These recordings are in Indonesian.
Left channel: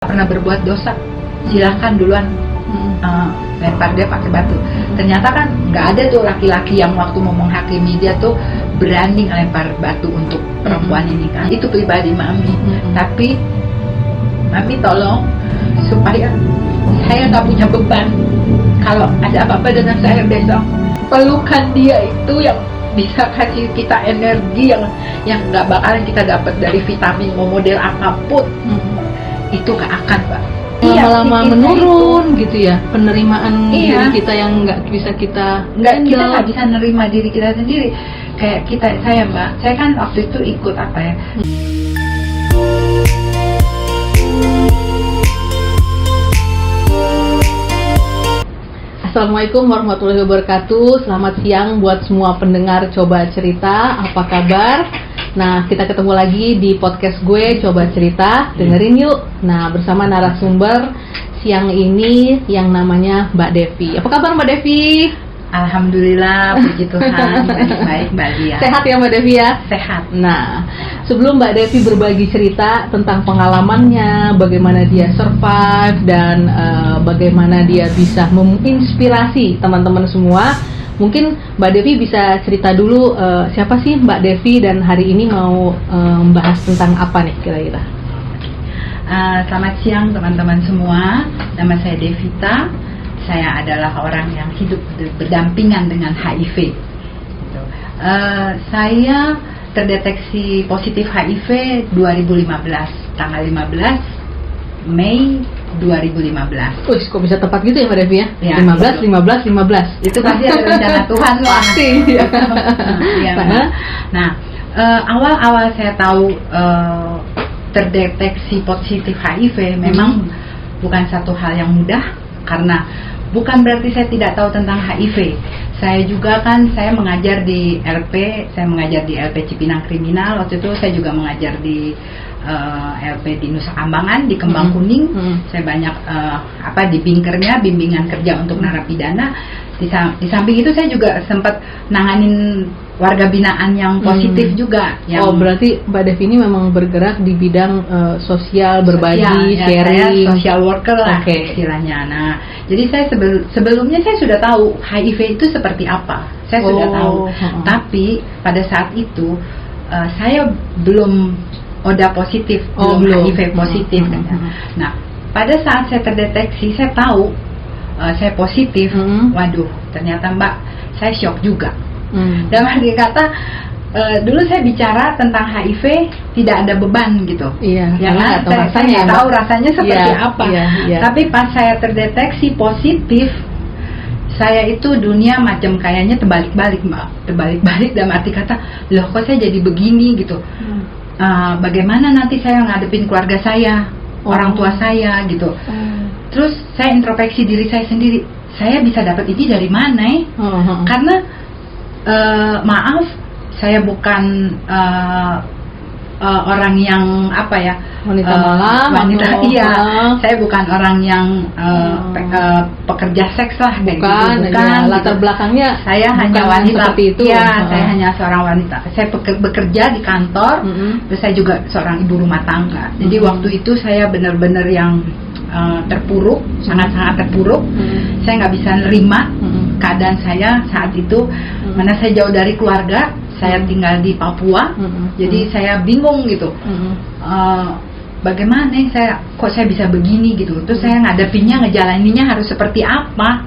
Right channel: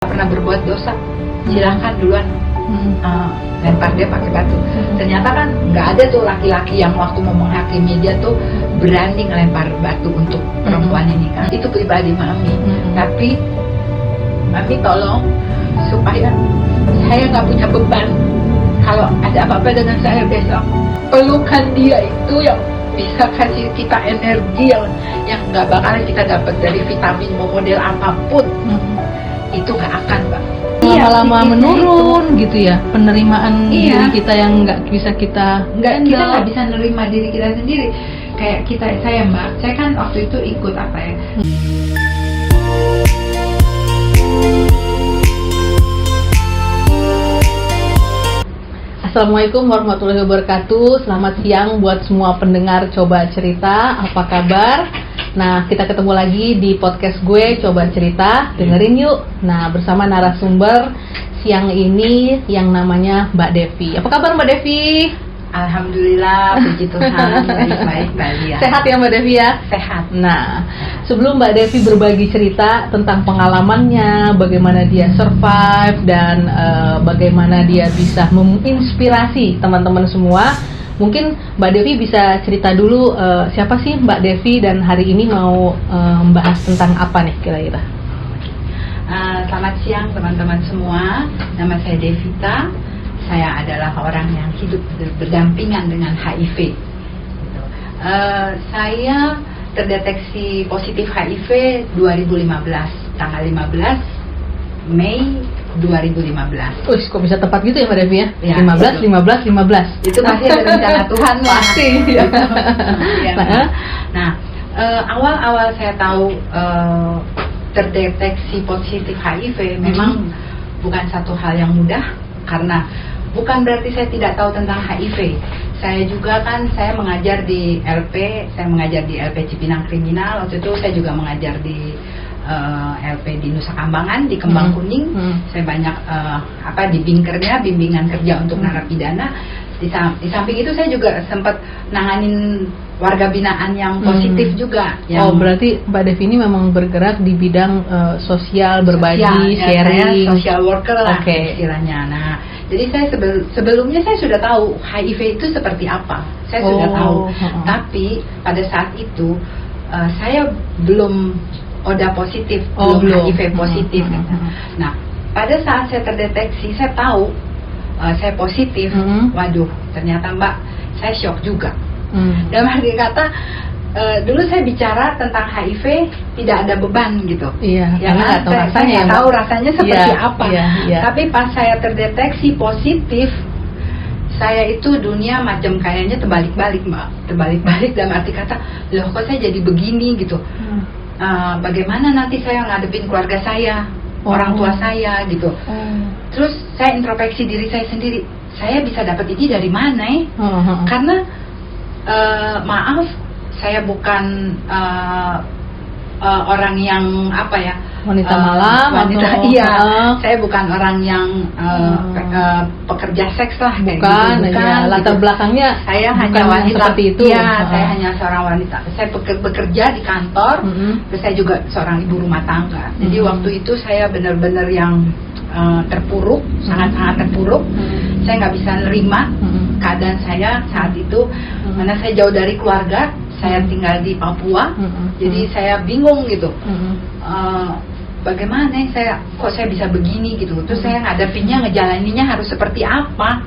pernah berbuat dosa, silahkan duluan lempar dia pakai batu. Ternyata kan nggak ada tuh laki-laki yang waktu mau menghakimi dia tuh berani ngelempar batu untuk perempuan ini kan. Itu pribadi Mami. Tapi Mami tolong supaya saya nggak punya beban kalau ada apa-apa dengan saya besok. Pelukan dia itu yang bisa kasih kita energi yang nggak bakalan kita dapat dari vitamin model apapun. Itu akan, Mbak. Lama-lama menurun itu. Gitu ya, penerimaan diri kita yang nggak bisa kita kita nggak bisa nerima diri kita sendiri. Kayak saya Mbak, saya kan waktu itu ikut apa ya? Assalamualaikum warahmatullahi wabarakatuh. Selamat siang buat semua pendengar Coba Cerita. Apa kabar? Nah, kita ketemu lagi di podcast gue Coba Cerita. Dengerin yuk. Nah, bersama narasumber siang ini yang namanya Mbak Devi. Apa kabar Mbak Devi? Alhamdulillah, puji Tuhan, baik-baik Mbak Lia. Sehat ya Mbak Devi ya? Sehat. Nah, sebelum Mbak Devi berbagi cerita tentang pengalamannya, bagaimana dia survive dan bagaimana dia bisa menginspirasi teman-teman semua, mungkin Mbak Devi bisa cerita dulu siapa sih Mbak Devi dan hari ini mau membahas tentang apa nih kira-kira? Selamat siang teman-teman semua, nama saya Devita. Saya adalah orang yang hidup berdampingan dengan HIV. Saya terdeteksi positif HIV 2015, tanggal 15 Mei 2015. Wih, kok bisa tepat gitu ya Mbak Devi ya? Ya 15, itu. 15. Itu pasti ada rencana Tuhan. Pasti. Ya. Nah, awal-awal saya tahu terdeteksi positif HIV memang bukan satu hal yang mudah, karena bukan berarti saya tidak tahu tentang HIV. Saya juga kan, saya mengajar di LP, saya mengajar di LP Cipinang Kriminal. Waktu itu saya juga mengajar di LP di Nusa Kambangan, di Kembang Kuning. Saya banyak di Binkernya, bimbingan kerja untuk narapidana. Di samping itu saya juga sempat nanganin warga binaan yang positif juga. Oh, berarti Mbak Devi ini memang bergerak di bidang sosial, berbagi, sharing. Saya social worker lah istilahnya. Nah, jadi saya sebelumnya saya sudah tahu HIV itu seperti apa. Saya sudah tahu. Tapi pada saat itu saya belum ODA positif, belum HIV positif. Nah, pada saat saya terdeteksi, saya tahu saya positif. Waduh, ternyata Mbak, saya shock juga. Dalam arti kata, dulu saya bicara tentang HIV tidak ada beban gitu. Iya, ya kan? Saya nggak tahu rasanya seperti apa. Tapi pas saya terdeteksi positif, saya itu dunia macam kayaknya terbalik-balik Mbak. Terbalik-balik dalam arti kata, loh kok saya jadi begini gitu. Bagaimana nanti saya ngadepin keluarga saya, orang tua saya gitu. Terus saya introspeksi diri saya sendiri, saya bisa dapat ini dari mana ya? Karena maaf, saya bukan orang yang wanita malam saya bukan orang yang pekerja seks lah, bukan ya, latar belakangnya saya hanya wanita seperti itu. Saya hanya seorang wanita. Saya bekerja di kantor, terus saya juga seorang ibu rumah tangga. Jadi waktu itu saya benar-benar yang terpuruk, sangat-sangat terpuruk. Saya nggak bisa nerima keadaan saya saat itu, karena saya jauh dari keluarga. Saya tinggal di Papua, jadi saya bingung gitu. Bagaimana saya bisa begini gitu. Terus saya ngadepinnya, ngejalaninnya harus seperti apa.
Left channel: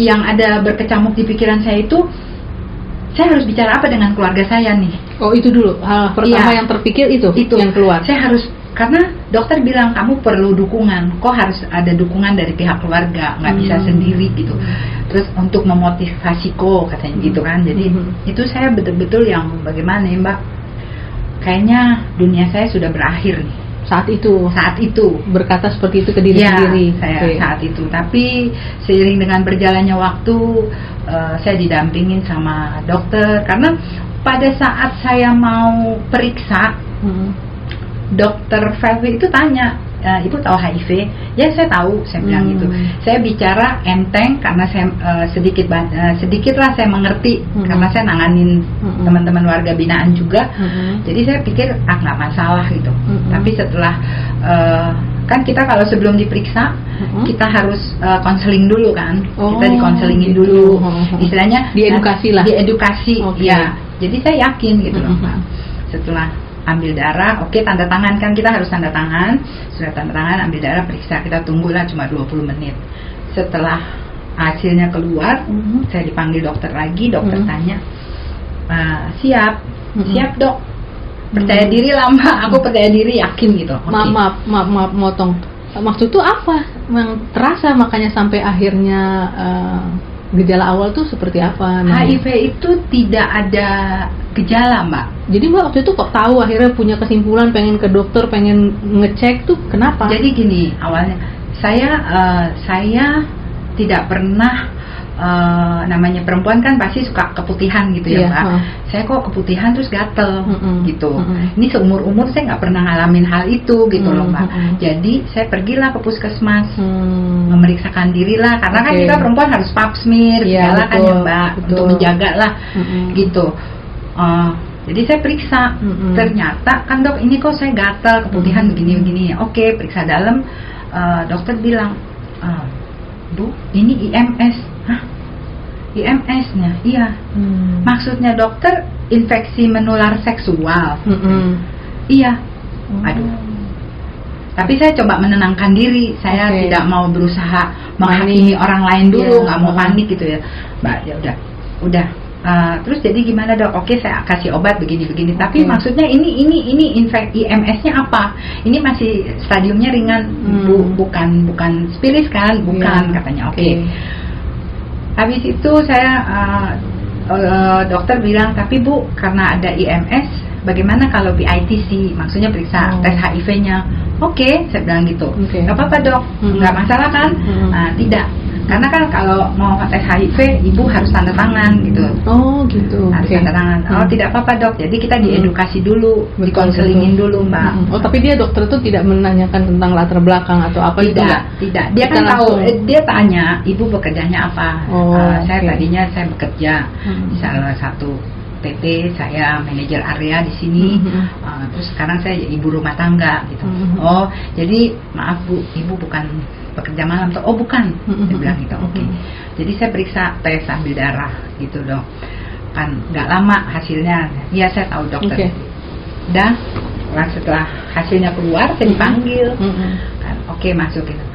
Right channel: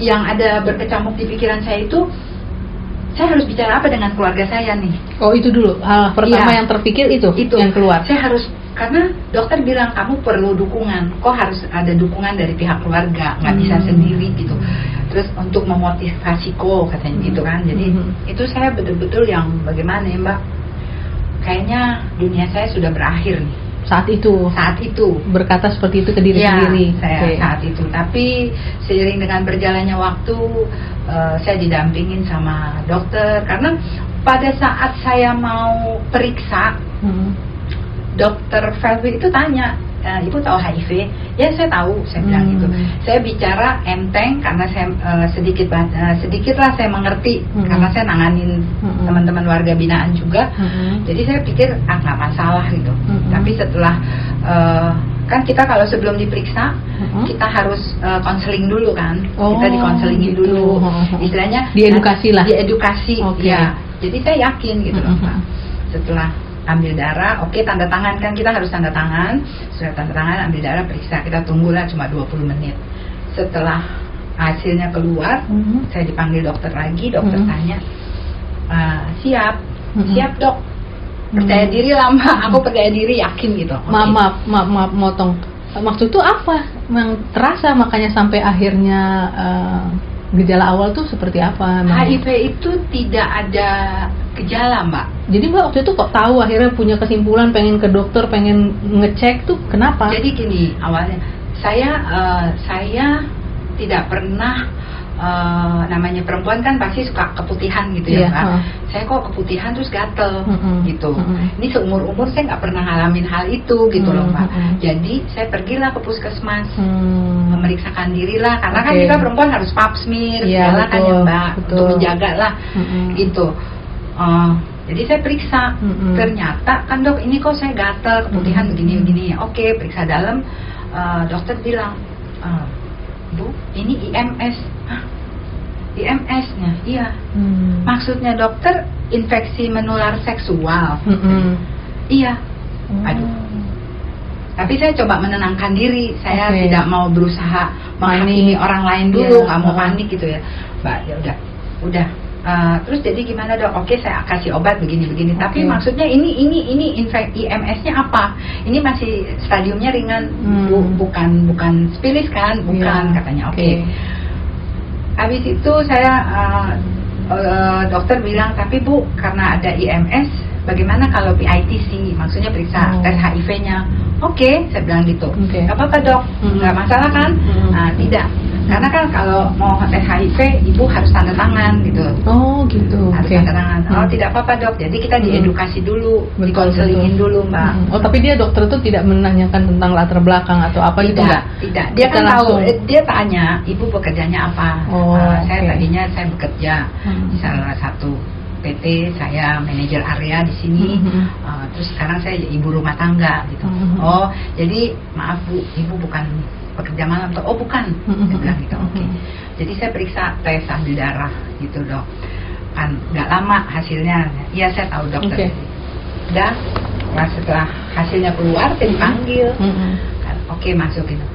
Yang ada berkecamuk di pikiran saya itu, saya harus bicara apa dengan keluarga saya nih. Oh, itu dulu hal pertama yang terpikir itu yang keluar. Saya harus, karena dokter bilang kamu perlu dukungan. Kok harus ada dukungan dari pihak keluarga, nggak bisa sendiri gitu. Terus untuk memotivasi katanya gitu kan. Jadi itu saya betul-betul yang bagaimana ya Mbak, kayaknya dunia saya sudah berakhir nih. Saat itu berkata seperti itu ke diri sendiri. Saat itu. Tapi seiring dengan berjalannya waktu, saya didampingin sama dokter. Karena pada saat saya mau periksa, dokter Felvi itu tanya, Ibu tahu HIV? Ya saya tahu, saya bilang gitu. Saya bicara enteng karena saya sedikit lah saya mengerti, karena saya nanganin teman-teman warga binaan juga. Jadi saya pikir nggak masalah gitu. Tapi setelah kan kita kalau sebelum diperiksa kita harus konseling dulu kan, kita dikonselingin gitu. dulu, istilahnya diedukasi lah. Diedukasi, ya. Jadi saya yakin gitu loh, Pak. Setelah ambil darah, oke, tanda tangan kan, kita harus tanda tangan. Sudah tanda tangan, ambil darah, periksa, kita tunggulah cuma 20 menit. Setelah hasilnya keluar, saya dipanggil dokter lagi, dokter tanya, siap dok, percaya diri lah Mbak, aku percaya diri, yakin gitu. Maaf motong. Maksud tuh apa yang terasa makanya sampai akhirnya gejala awal tuh seperti apa? HIV itu tidak ada gejala Mbak. Jadi Mbak waktu itu kok tahu akhirnya punya kesimpulan pengen ke dokter, pengen ngecek tuh kenapa? Jadi gini, awalnya saya tidak pernah, namanya perempuan kan pasti suka keputihan gitu ya Mbak. Saya kok keputihan terus gatel gitu. Ini seumur-umur saya nggak pernah ngalamin hal itu gitu loh Mbak. Jadi saya pergilah ke puskesmas, memeriksakan diri lah, karena kan kita perempuan harus pap smear segala kan ya Mbak, untuk menjaga lah gitu. Jadi saya periksa, ternyata kan dok ini kok saya gatel, keputihan begini-begini. Oke, periksa dalam, dokter bilang, Bu, ini IMS. Hah? IMS-nya? Iya. Maksudnya dokter infeksi menular seksual. Iya. Aduh. Tapi saya coba menenangkan diri. Saya tidak mau berusaha menghakimi orang lain dulu, nggak mau panik gitu ya. Mbak, ya udah. Terus jadi gimana dok? Oke, saya kasih obat begini-begini. Tapi maksudnya ini infeksi IMS-nya apa? Ini masih stadiumnya ringan, bukan spiris kan? Bukan, katanya. Oke. Habis itu saya dokter bilang, tapi Bu, karena ada IMS, bagaimana kalau PITC? Maksudnya periksa tes HIV-nya. Oke, saya bilang gitu. Nggak apa-apa dok, nggak masalah kan? Tidak. Karena kan kalau mau tes HIV, ibu harus tanda tangan gitu. Oh gitu. Harus tanda tangan. Oh tidak apa-apa dok. Jadi kita diedukasi dulu, dikonselingin dulu Mbak. Oh tapi dia dokter tuh tidak menanyakan tentang latar belakang atau apa gitu nggak? Tidak. Dia kan tahu. Dia tanya, ibu bekerjanya apa? Saya tadinya saya bekerja di salah satu PT, saya manajer area di sini. Terus sekarang saya ibu rumah tangga gitu. Oh jadi maaf Bu, ibu bukan pekerja malam tuh. Oh bukan, saya bilang gitu. Oke. Jadi saya periksa tes ambil darah gitu dok. Kan nggak lama hasilnya. Iya saya tahu dokter. Udah. Nah, setelah hasilnya keluar saya dipanggil. Kan, oke masuk gitu.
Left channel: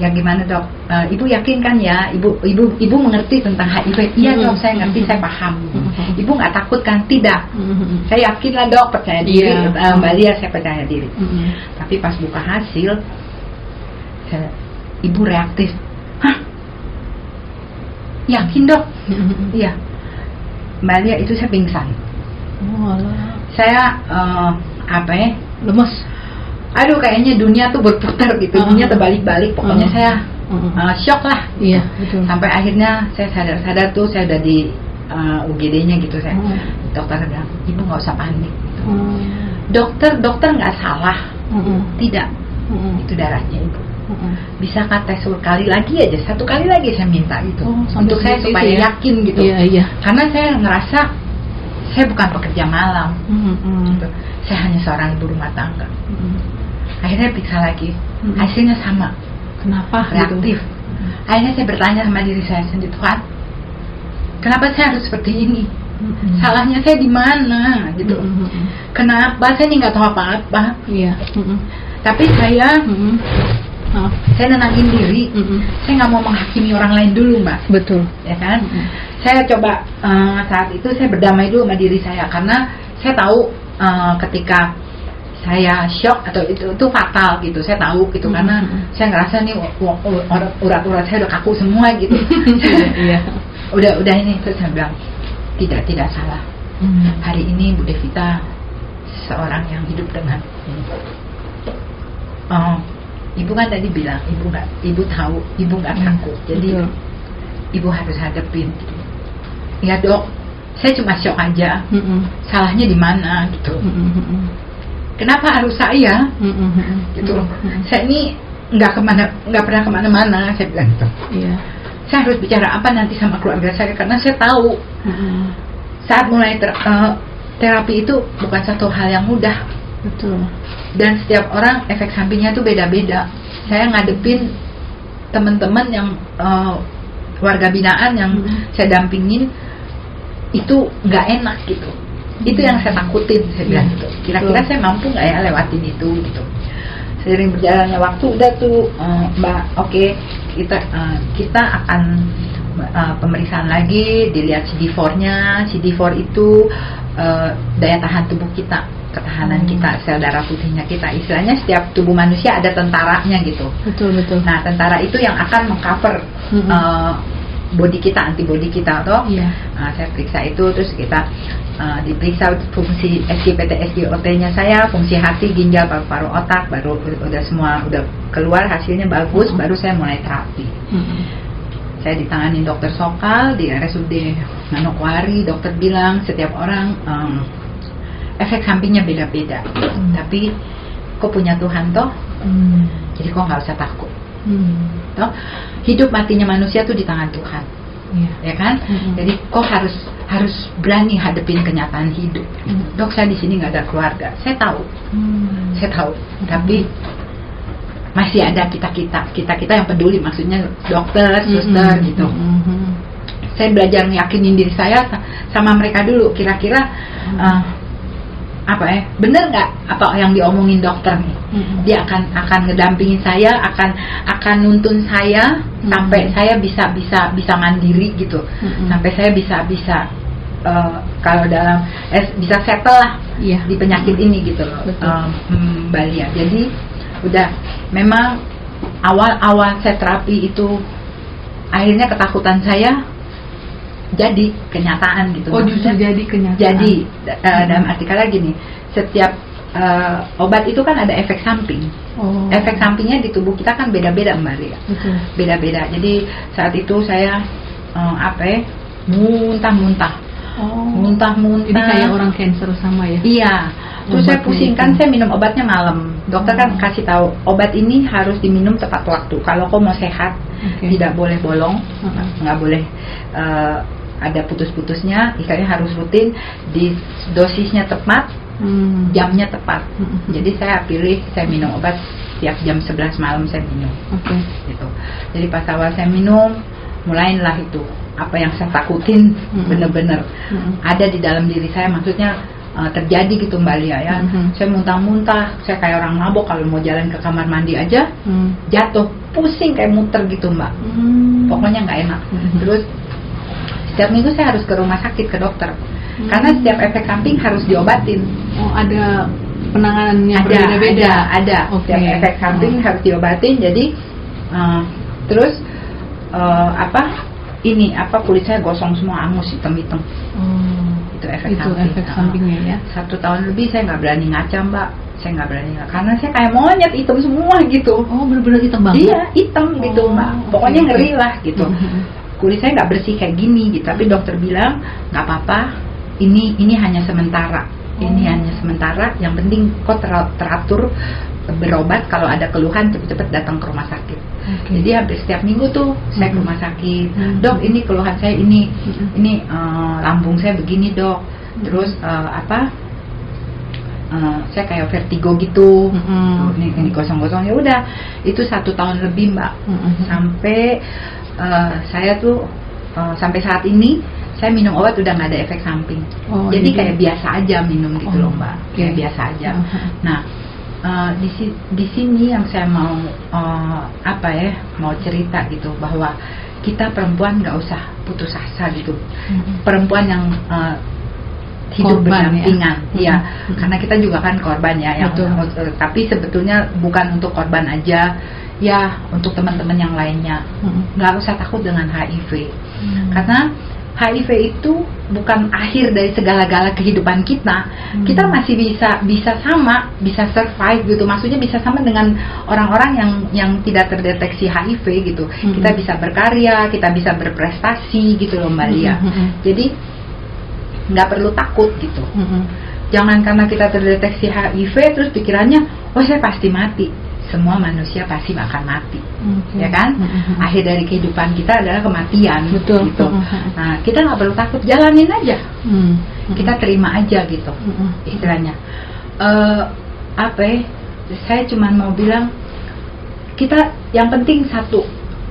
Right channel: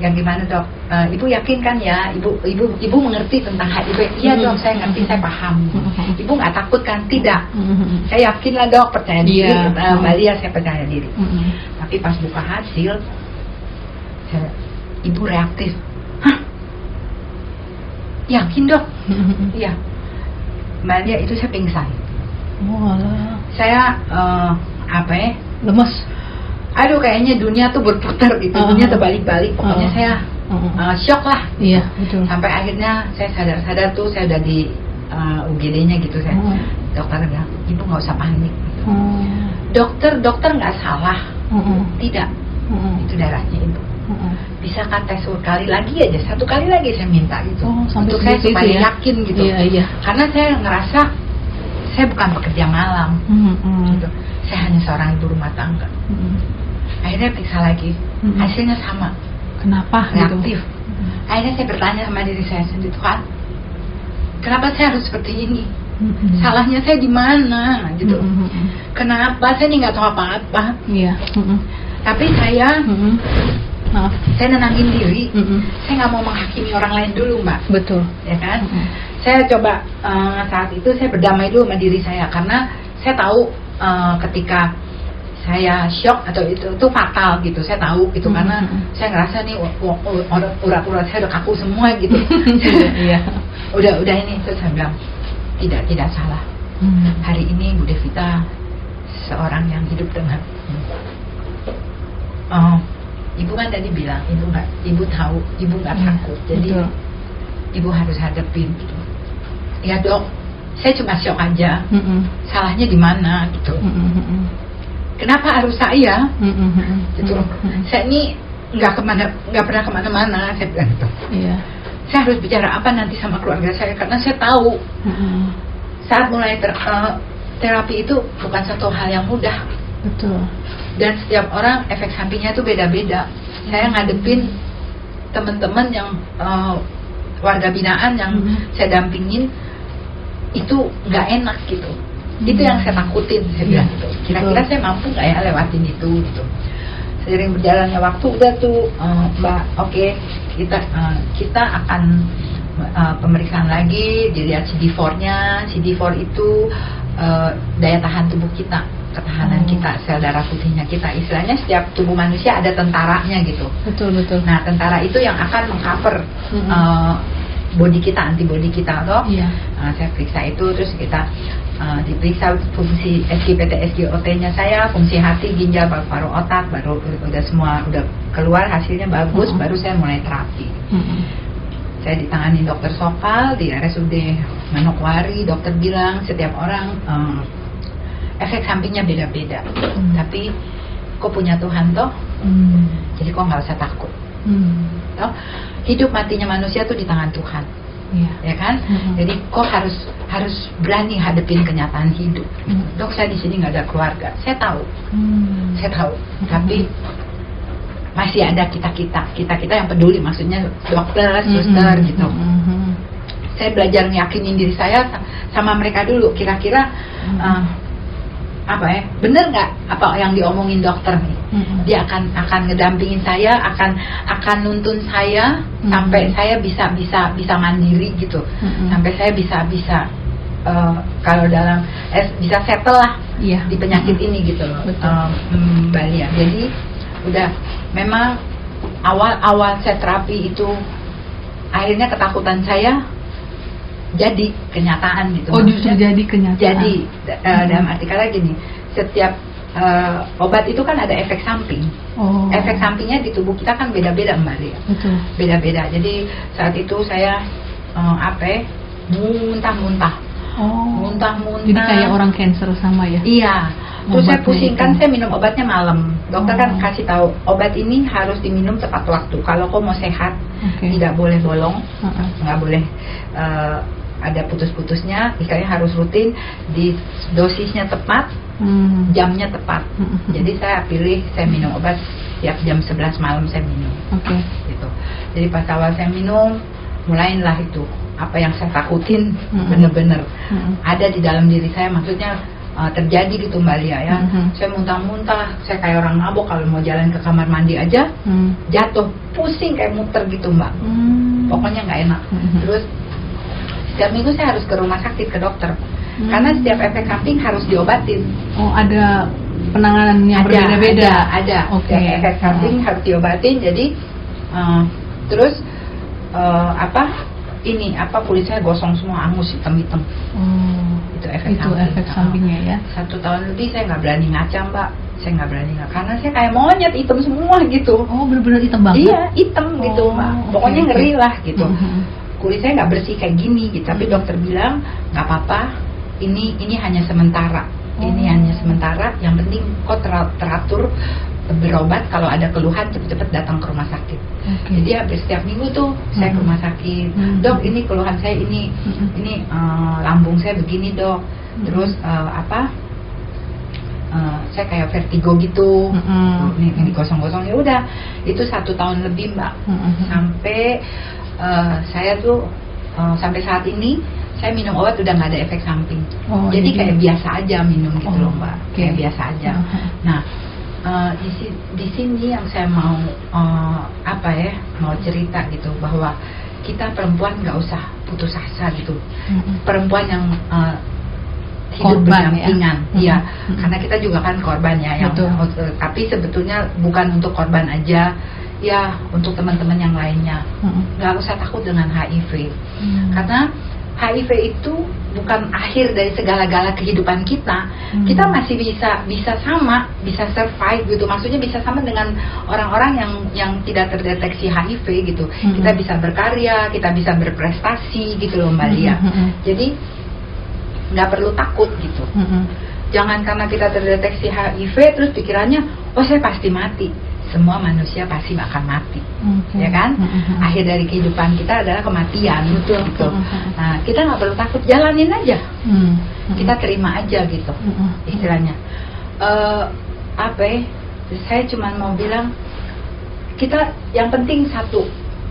Ya gimana dok? Ibu yakin kan ya? Ibu mengerti tentang HIV? Iya dok, saya ngerti, saya paham. Ibu nggak takut kan? Tidak. Saya yakin lah dok, percaya diri. Mbak Lia, saya percaya diri. Tapi pas buka hasil, ibu reaktif. Hah? Yakin dok? Iya. Mbak Lia, itu saya pingsan. Saya lemes. Aduh, kayaknya dunia tuh berputar gitu, dunia terbalik-balik. Pokoknya saya shock lah. Iya, betul. Sampai akhirnya saya sadar tuh, saya udah di UGD-nya gitu. Saya dokter bilang, ibu nggak usah panik. Gitu. Dokter nggak salah. Tidak. Itu darahnya ibu. Bisakah tes sekali lagi aja, satu kali lagi saya minta gitu. Untuk saya supaya yakin gitu. Iya. Karena saya ngerasa saya bukan pekerja malam. Gitu. Saya hanya seorang ibu rumah tangga. Akhirnya periksa lagi, hasilnya sama. Kenapa? Reaktif. Akhirnya saya bertanya sama diri saya sendiri, Tuhan, kenapa saya harus seperti ini? Salahnya saya di mana? Gitu. Kenapa saya nggak tahu apa-apa? Iya. Tapi saya nenangin diri. Saya nggak mau menghakimi orang lain dulu, Mbak. Betul. Ya kan? Saya coba saat itu saya berdamai dulu sama diri saya, karena saya tahu ketika saya shock atau itu fatal gitu, saya tahu gitu. Karena saya ngerasa nih urat-urat saya udah kaku semua gitu. udah ini. Terus saya bilang tidak salah. Hari ini Bu Devita seorang yang hidup dengan ibu kan tadi bilang ibu tahu, ibu nggak takut, jadi ibu harus hadapin. Ya dok, saya cuma shock aja. Salahnya di mana gitu? Kenapa harus saya? Gitu. Saya ini nggak pernah kemana-mana, saya bilang gitu. Saya harus bicara apa nanti sama keluarga saya, karena saya tahu saat mulai terapi itu bukan satu hal yang mudah. Betul. dan setiap orang efek sampingnya tuh beda-beda. Saya ngadepin teman-teman yang warga binaan yang saya dampingin itu nggak enak gitu. Itu yang saya takutin. Saya bilang gitu, kira-kira saya mampu nggak ya lewatin itu gitu. Seiring berjalannya waktu udah tuh Mbak, oke, kita akan pemeriksaan lagi, dilihat CD4-nya. CD4 itu daya tahan tubuh kita, ketahanan kita, sel darah putihnya kita. Istilahnya setiap tubuh manusia ada tentaranya gitu. Betul. Nah, tentara itu yang akan mengcover body kita, antibody kita toh. Iya. Nah, saya periksa itu, terus kita diperiksa fungsi SGPT, SGOT-nya saya, fungsi hati, ginjal, paru-paru, otak, baru udah semua udah keluar hasilnya bagus, baru saya mulai terapi. Saya ditangani dokter Sokal di RSUD Manokwari. Dokter bilang setiap orang efek sampingnya beda-beda, tapi kok punya Tuhan toh, jadi kok nggak usah takut. Toh, hidup matinya manusia tuh di tangan Tuhan. Ya kan? Jadi kok harus berani hadepin kenyataan hidup. Dok, saya di sini nggak ada keluarga. Saya tahu, tapi masih ada kita yang peduli, maksudnya dokter, suster gitu. Saya belajar meyakinin diri saya sama mereka dulu. Kira-kira bener nggak apa yang diomongin dokter nih? Dia akan ngedampingin saya, akan nuntun saya sampai saya bisa mandiri gitu, sampai saya bisa kalau dalam bisa settle lah di penyakit ini gitu loh, Mbak Lia. Jadi udah memang awal saya terapi itu akhirnya ketakutan saya jadi kenyataan gitu. Oh, justru jadi kenyataan. Jadi dalam arti kata gini, setiap obat itu kan ada efek samping. Efek sampingnya di tubuh kita kan beda-beda, Mbak Lia. Beda-beda. Jadi saat itu saya muntah-muntah. Muntah-muntah. Jadi kayak orang cancer sama ya? Iya. Terus saya pusing kan, saya minum obatnya malam. Dokter kan kasih tahu obat ini harus diminum tepat waktu. Kalau kau mau sehat, tidak boleh bolong, nggak boleh ada putus-putusnya. Ikannya harus rutin, di dosisnya tepat, jamnya tepat. Jadi saya pilih, saya minum obat tiap jam 11 malam saya minum. Gitu. Jadi pas awal saya minum, mulailah itu apa yang saya takutin bener-bener ada di dalam diri saya, maksudnya terjadi gitu, Mbak Lia ya. Saya muntah-muntah, saya kayak orang mabok, kalau mau jalan ke kamar mandi aja jatuh, pusing kayak muter gitu, Mbak. Pokoknya nggak enak. Terus setiap minggu saya harus ke rumah sakit, ke dokter, karena setiap efek samping harus diobatin. Ada penanganannya berbeda-beda. Ada efek samping harus diobatin. Jadi terus kulit saya gosong semua, angus, hitam-hitam. Itu efek sampingnya ya. 1 tahun lebih saya nggak berani ngaca, Mbak. Saya nggak berani karena saya kayak monyet, hitam semua gitu. Bener-bener hitam banget? Iya, hitam gitu, Mbak. Pokoknya ngeri lah gitu. Kulit saya nggak bersih kayak gini gitu. Tapi dokter bilang nggak apa-apa, ini hanya sementara. Ini hanya sementara. Yang penting kok teratur berobat, kalau ada keluhan cepet-cepet datang ke rumah sakit. Jadi hampir setiap minggu tuh saya ke rumah sakit. Dok, ini keluhan saya ini lambung saya begini, Dok. Terus saya kayak vertigo gitu. Ini kosong-kosong. Ya udah, itu 1 tahun lebih, Mbak. Sampai saya tuh sampai saat ini saya minum obat udah nggak ada efek samping. Jadi kayak biasa aja minum gitu loh, Mbak. Kayak biasa aja. Nah, di sini yang saya mau mau cerita gitu, bahwa kita perempuan nggak usah putus asa gitu. Perempuan yang hidup berdampingan, ya, karena kita juga kan korban ya. Tapi sebetulnya bukan untuk korban aja, ya, untuk teman-teman yang lainnya. Nggak usah takut dengan HIV, karena HIV itu bukan akhir dari segala-gala kehidupan kita. Kita masih bisa survive gitu. Maksudnya bisa sama dengan orang-orang yang tidak terdeteksi HIV gitu. Kita bisa berkarya, kita bisa berprestasi gitu loh, Mbak Lia. Jadi nggak perlu takut gitu. Jangan karena kita terdeteksi HIV terus pikirannya, oh saya pasti mati. Semua manusia pasti akan mati, ya kan? Akhir dari kehidupan kita adalah kematian, gitu. Nah, kita nggak perlu takut, jalanin aja, kita terima aja gitu, istilahnya. saya cuma mau bilang, kita yang penting satu,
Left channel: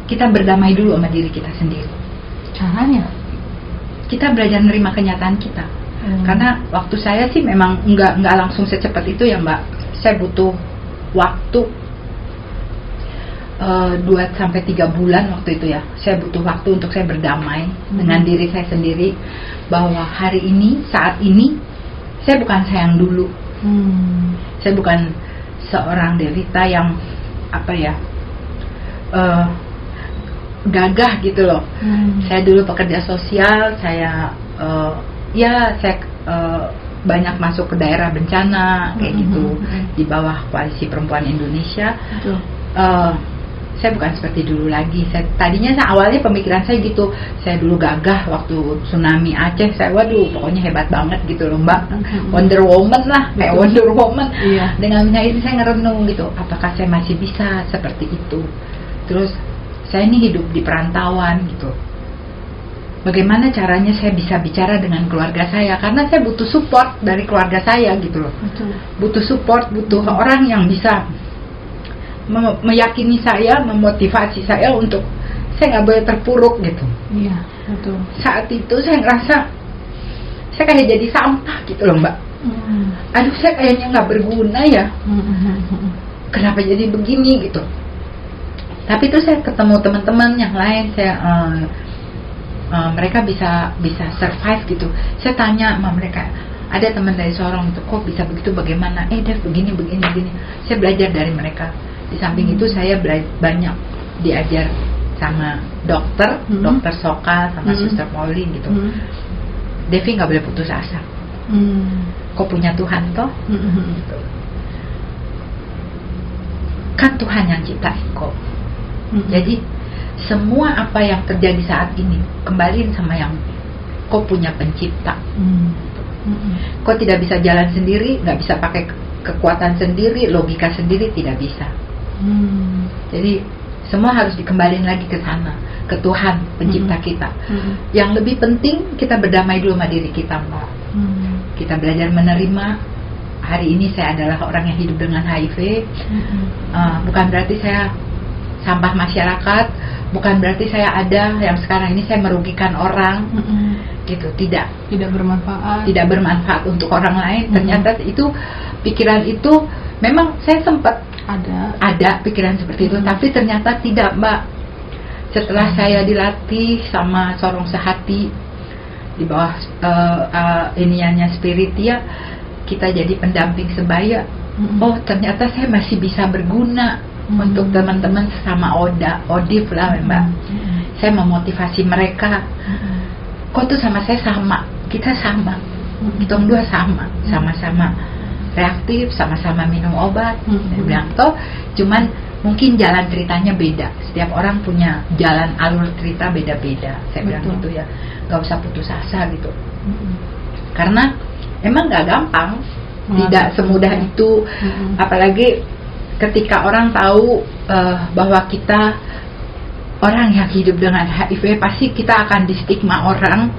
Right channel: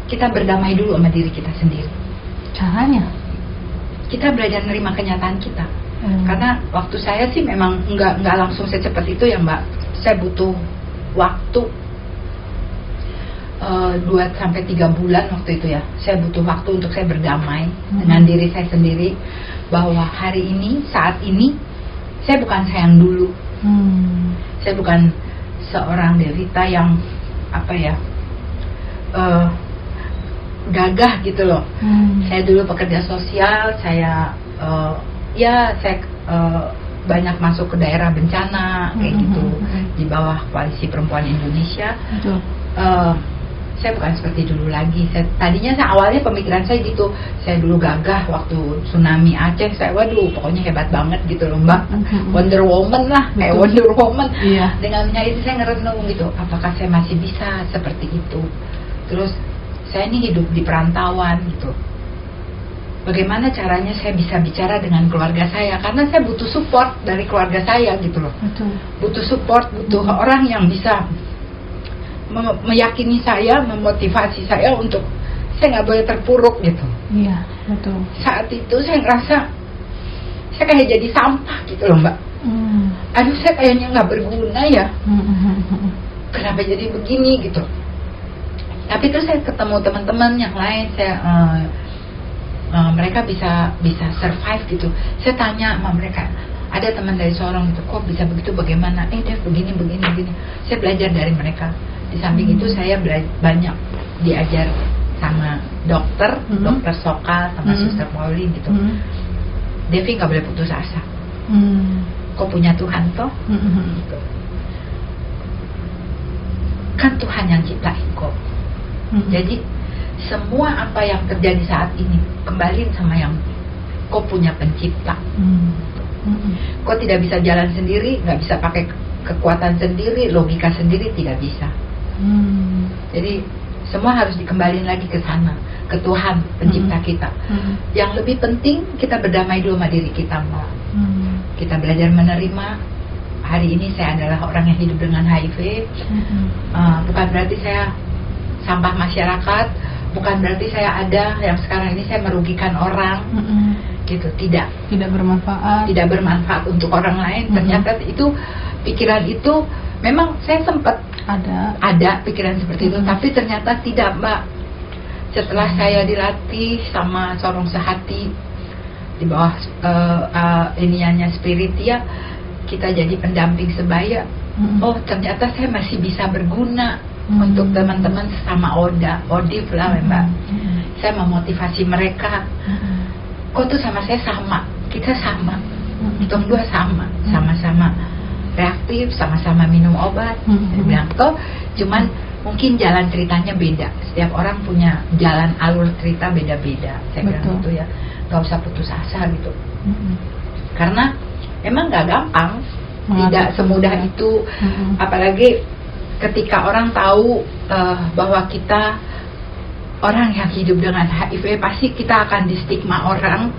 kita berdamai dulu sama diri kita sendiri. Caranya? Kita belajar menerima kenyataan kita. Karena waktu saya sih memang nggak langsung secepat itu ya Mbak. Saya butuh waktu 2-3 bulan waktu itu ya. Saya butuh waktu untuk saya berdamai dengan diri saya sendiri, bahwa hari ini, saat ini, saya bukan saya yang dulu. Saya bukan seorang Devita yang apa ya, gagah gitu loh. Saya dulu pekerja sosial, saya banyak masuk ke daerah bencana kayak gitu di bawah Koalisi Perempuan Indonesia. Saya bukan seperti dulu lagi. Tadinya awalnya pemikiran saya gitu. Saya dulu gagah waktu tsunami Aceh. Saya waduh pokoknya hebat banget gitu loh Mbak. Wonder Woman lah, kayak Wonder Woman. Iya. Dengan itu saya ngerenung gitu. Apakah saya masih bisa seperti itu? Terus saya ini hidup di perantauan gitu. Bagaimana caranya saya bisa bicara dengan keluarga saya? Karena saya butuh support dari keluarga saya gitu loh. Butuh support, butuh orang yang bisa meyakini saya, memotivasi saya untuk saya nggak boleh terpuruk gitu. Iya, betul. Saat itu saya ngerasa saya kayak jadi sampah gitu loh Mbak. Aduh, saya kayaknya nggak berguna ya. Kenapa jadi begini gitu? Tapi itu saya ketemu teman-teman yang lain, mereka bisa survive gitu. Saya tanya sama mereka, ada teman dari Sorong itu, kok bisa begitu, bagaimana? Dev begini. Saya belajar dari mereka. Di samping itu saya banyak diajar sama dokter Sokal sama Suster Polly gitu. Devi nggak boleh putus asa. Kok punya Tuhan toh? Gitu. Kan Tuhan yang ciptain kok. Jadi semua apa yang terjadi saat ini kembaliin sama yang kau punya pencipta. Kau tidak bisa jalan sendiri, nggak bisa pakai kekuatan sendiri, logika sendiri, tidak bisa. Jadi semua harus dikembaliin lagi ke sana, ke Tuhan pencipta kita. Yang lebih penting kita berdamai dulu sama diri kita Mbak. Kita belajar menerima. Hari ini saya adalah orang yang hidup dengan HIV. Bukan berarti saya sampah masyarakat, bukan berarti saya ada yang sekarang ini saya merugikan orang, gitu. Tidak bermanfaat untuk orang lain. Ternyata itu pikiran itu memang saya sempat ada pikiran seperti itu, tapi ternyata tidak Mbak. Setelah saya dilatih sama Sorong Sehati di bawah iniannya Spiritia, kita jadi pendamping sebaya. Oh ternyata saya masih bisa berguna untuk teman-teman sama Odif lah Mbak. Saya memotivasi mereka. Kok tuh sama saya sama, kita sama, kita dua sama-sama reaktif, sama-sama minum obat. Saya bilang toh, cuman mungkin jalan ceritanya beda. Setiap orang punya jalan alur cerita beda-beda. Saya bilang gitu ya, gak usah putus asa gitu. Karena emang gak gampang, tidak semudah itu. Apalagi ketika orang tahu bahwa kita orang yang hidup dengan HIV, pasti kita akan distigma orang,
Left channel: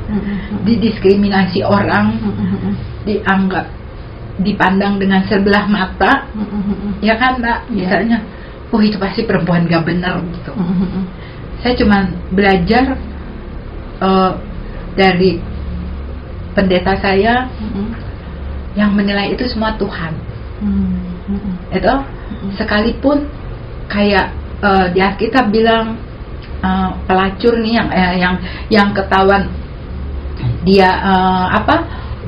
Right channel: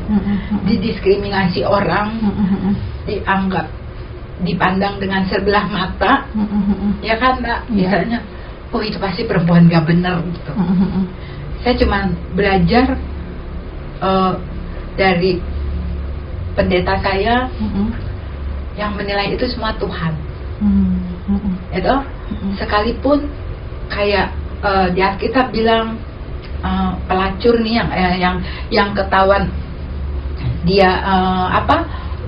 didiskriminasi orang, dipandang dengan sebelah mata, ya kan Mbak? Misalnya, itu pasti perempuan gak benar gitu. Saya cuma belajar dari pendeta saya yang menilai itu semua Tuhan. Itu sekalipun kayak di Alkitab bilang pelacur nih yang ketahuan dia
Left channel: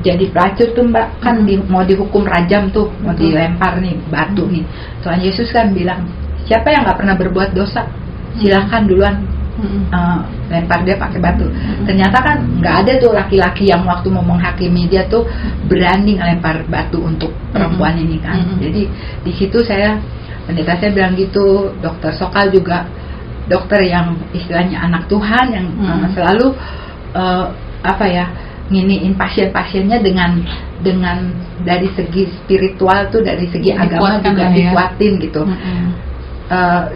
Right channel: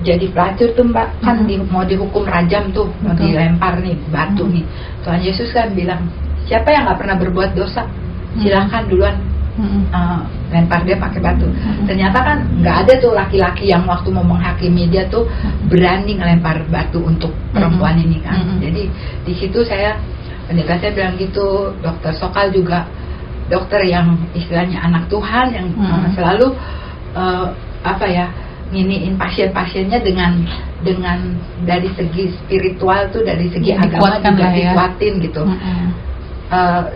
jadi pelacur tuh Mbak, kan mau dihukum rajam tuh, mau dilempar nih batu nih. Tuhan Yesus kan bilang, siapa yang nggak pernah berbuat dosa, silahkan duluan lempar dia pakai batu. Ternyata kan nggak ada tuh laki-laki yang waktu mau menghakimi dia tuh berani ngelempar batu untuk perempuan ini kan. Jadi di situ pendeta saya bilang gitu. Dokter Sokal juga dokter yang istilahnya anak Tuhan yang selalu nginiin pasien-pasiennya dengan dari segi spiritual tuh, dari segi agama juga dikuatin gitu.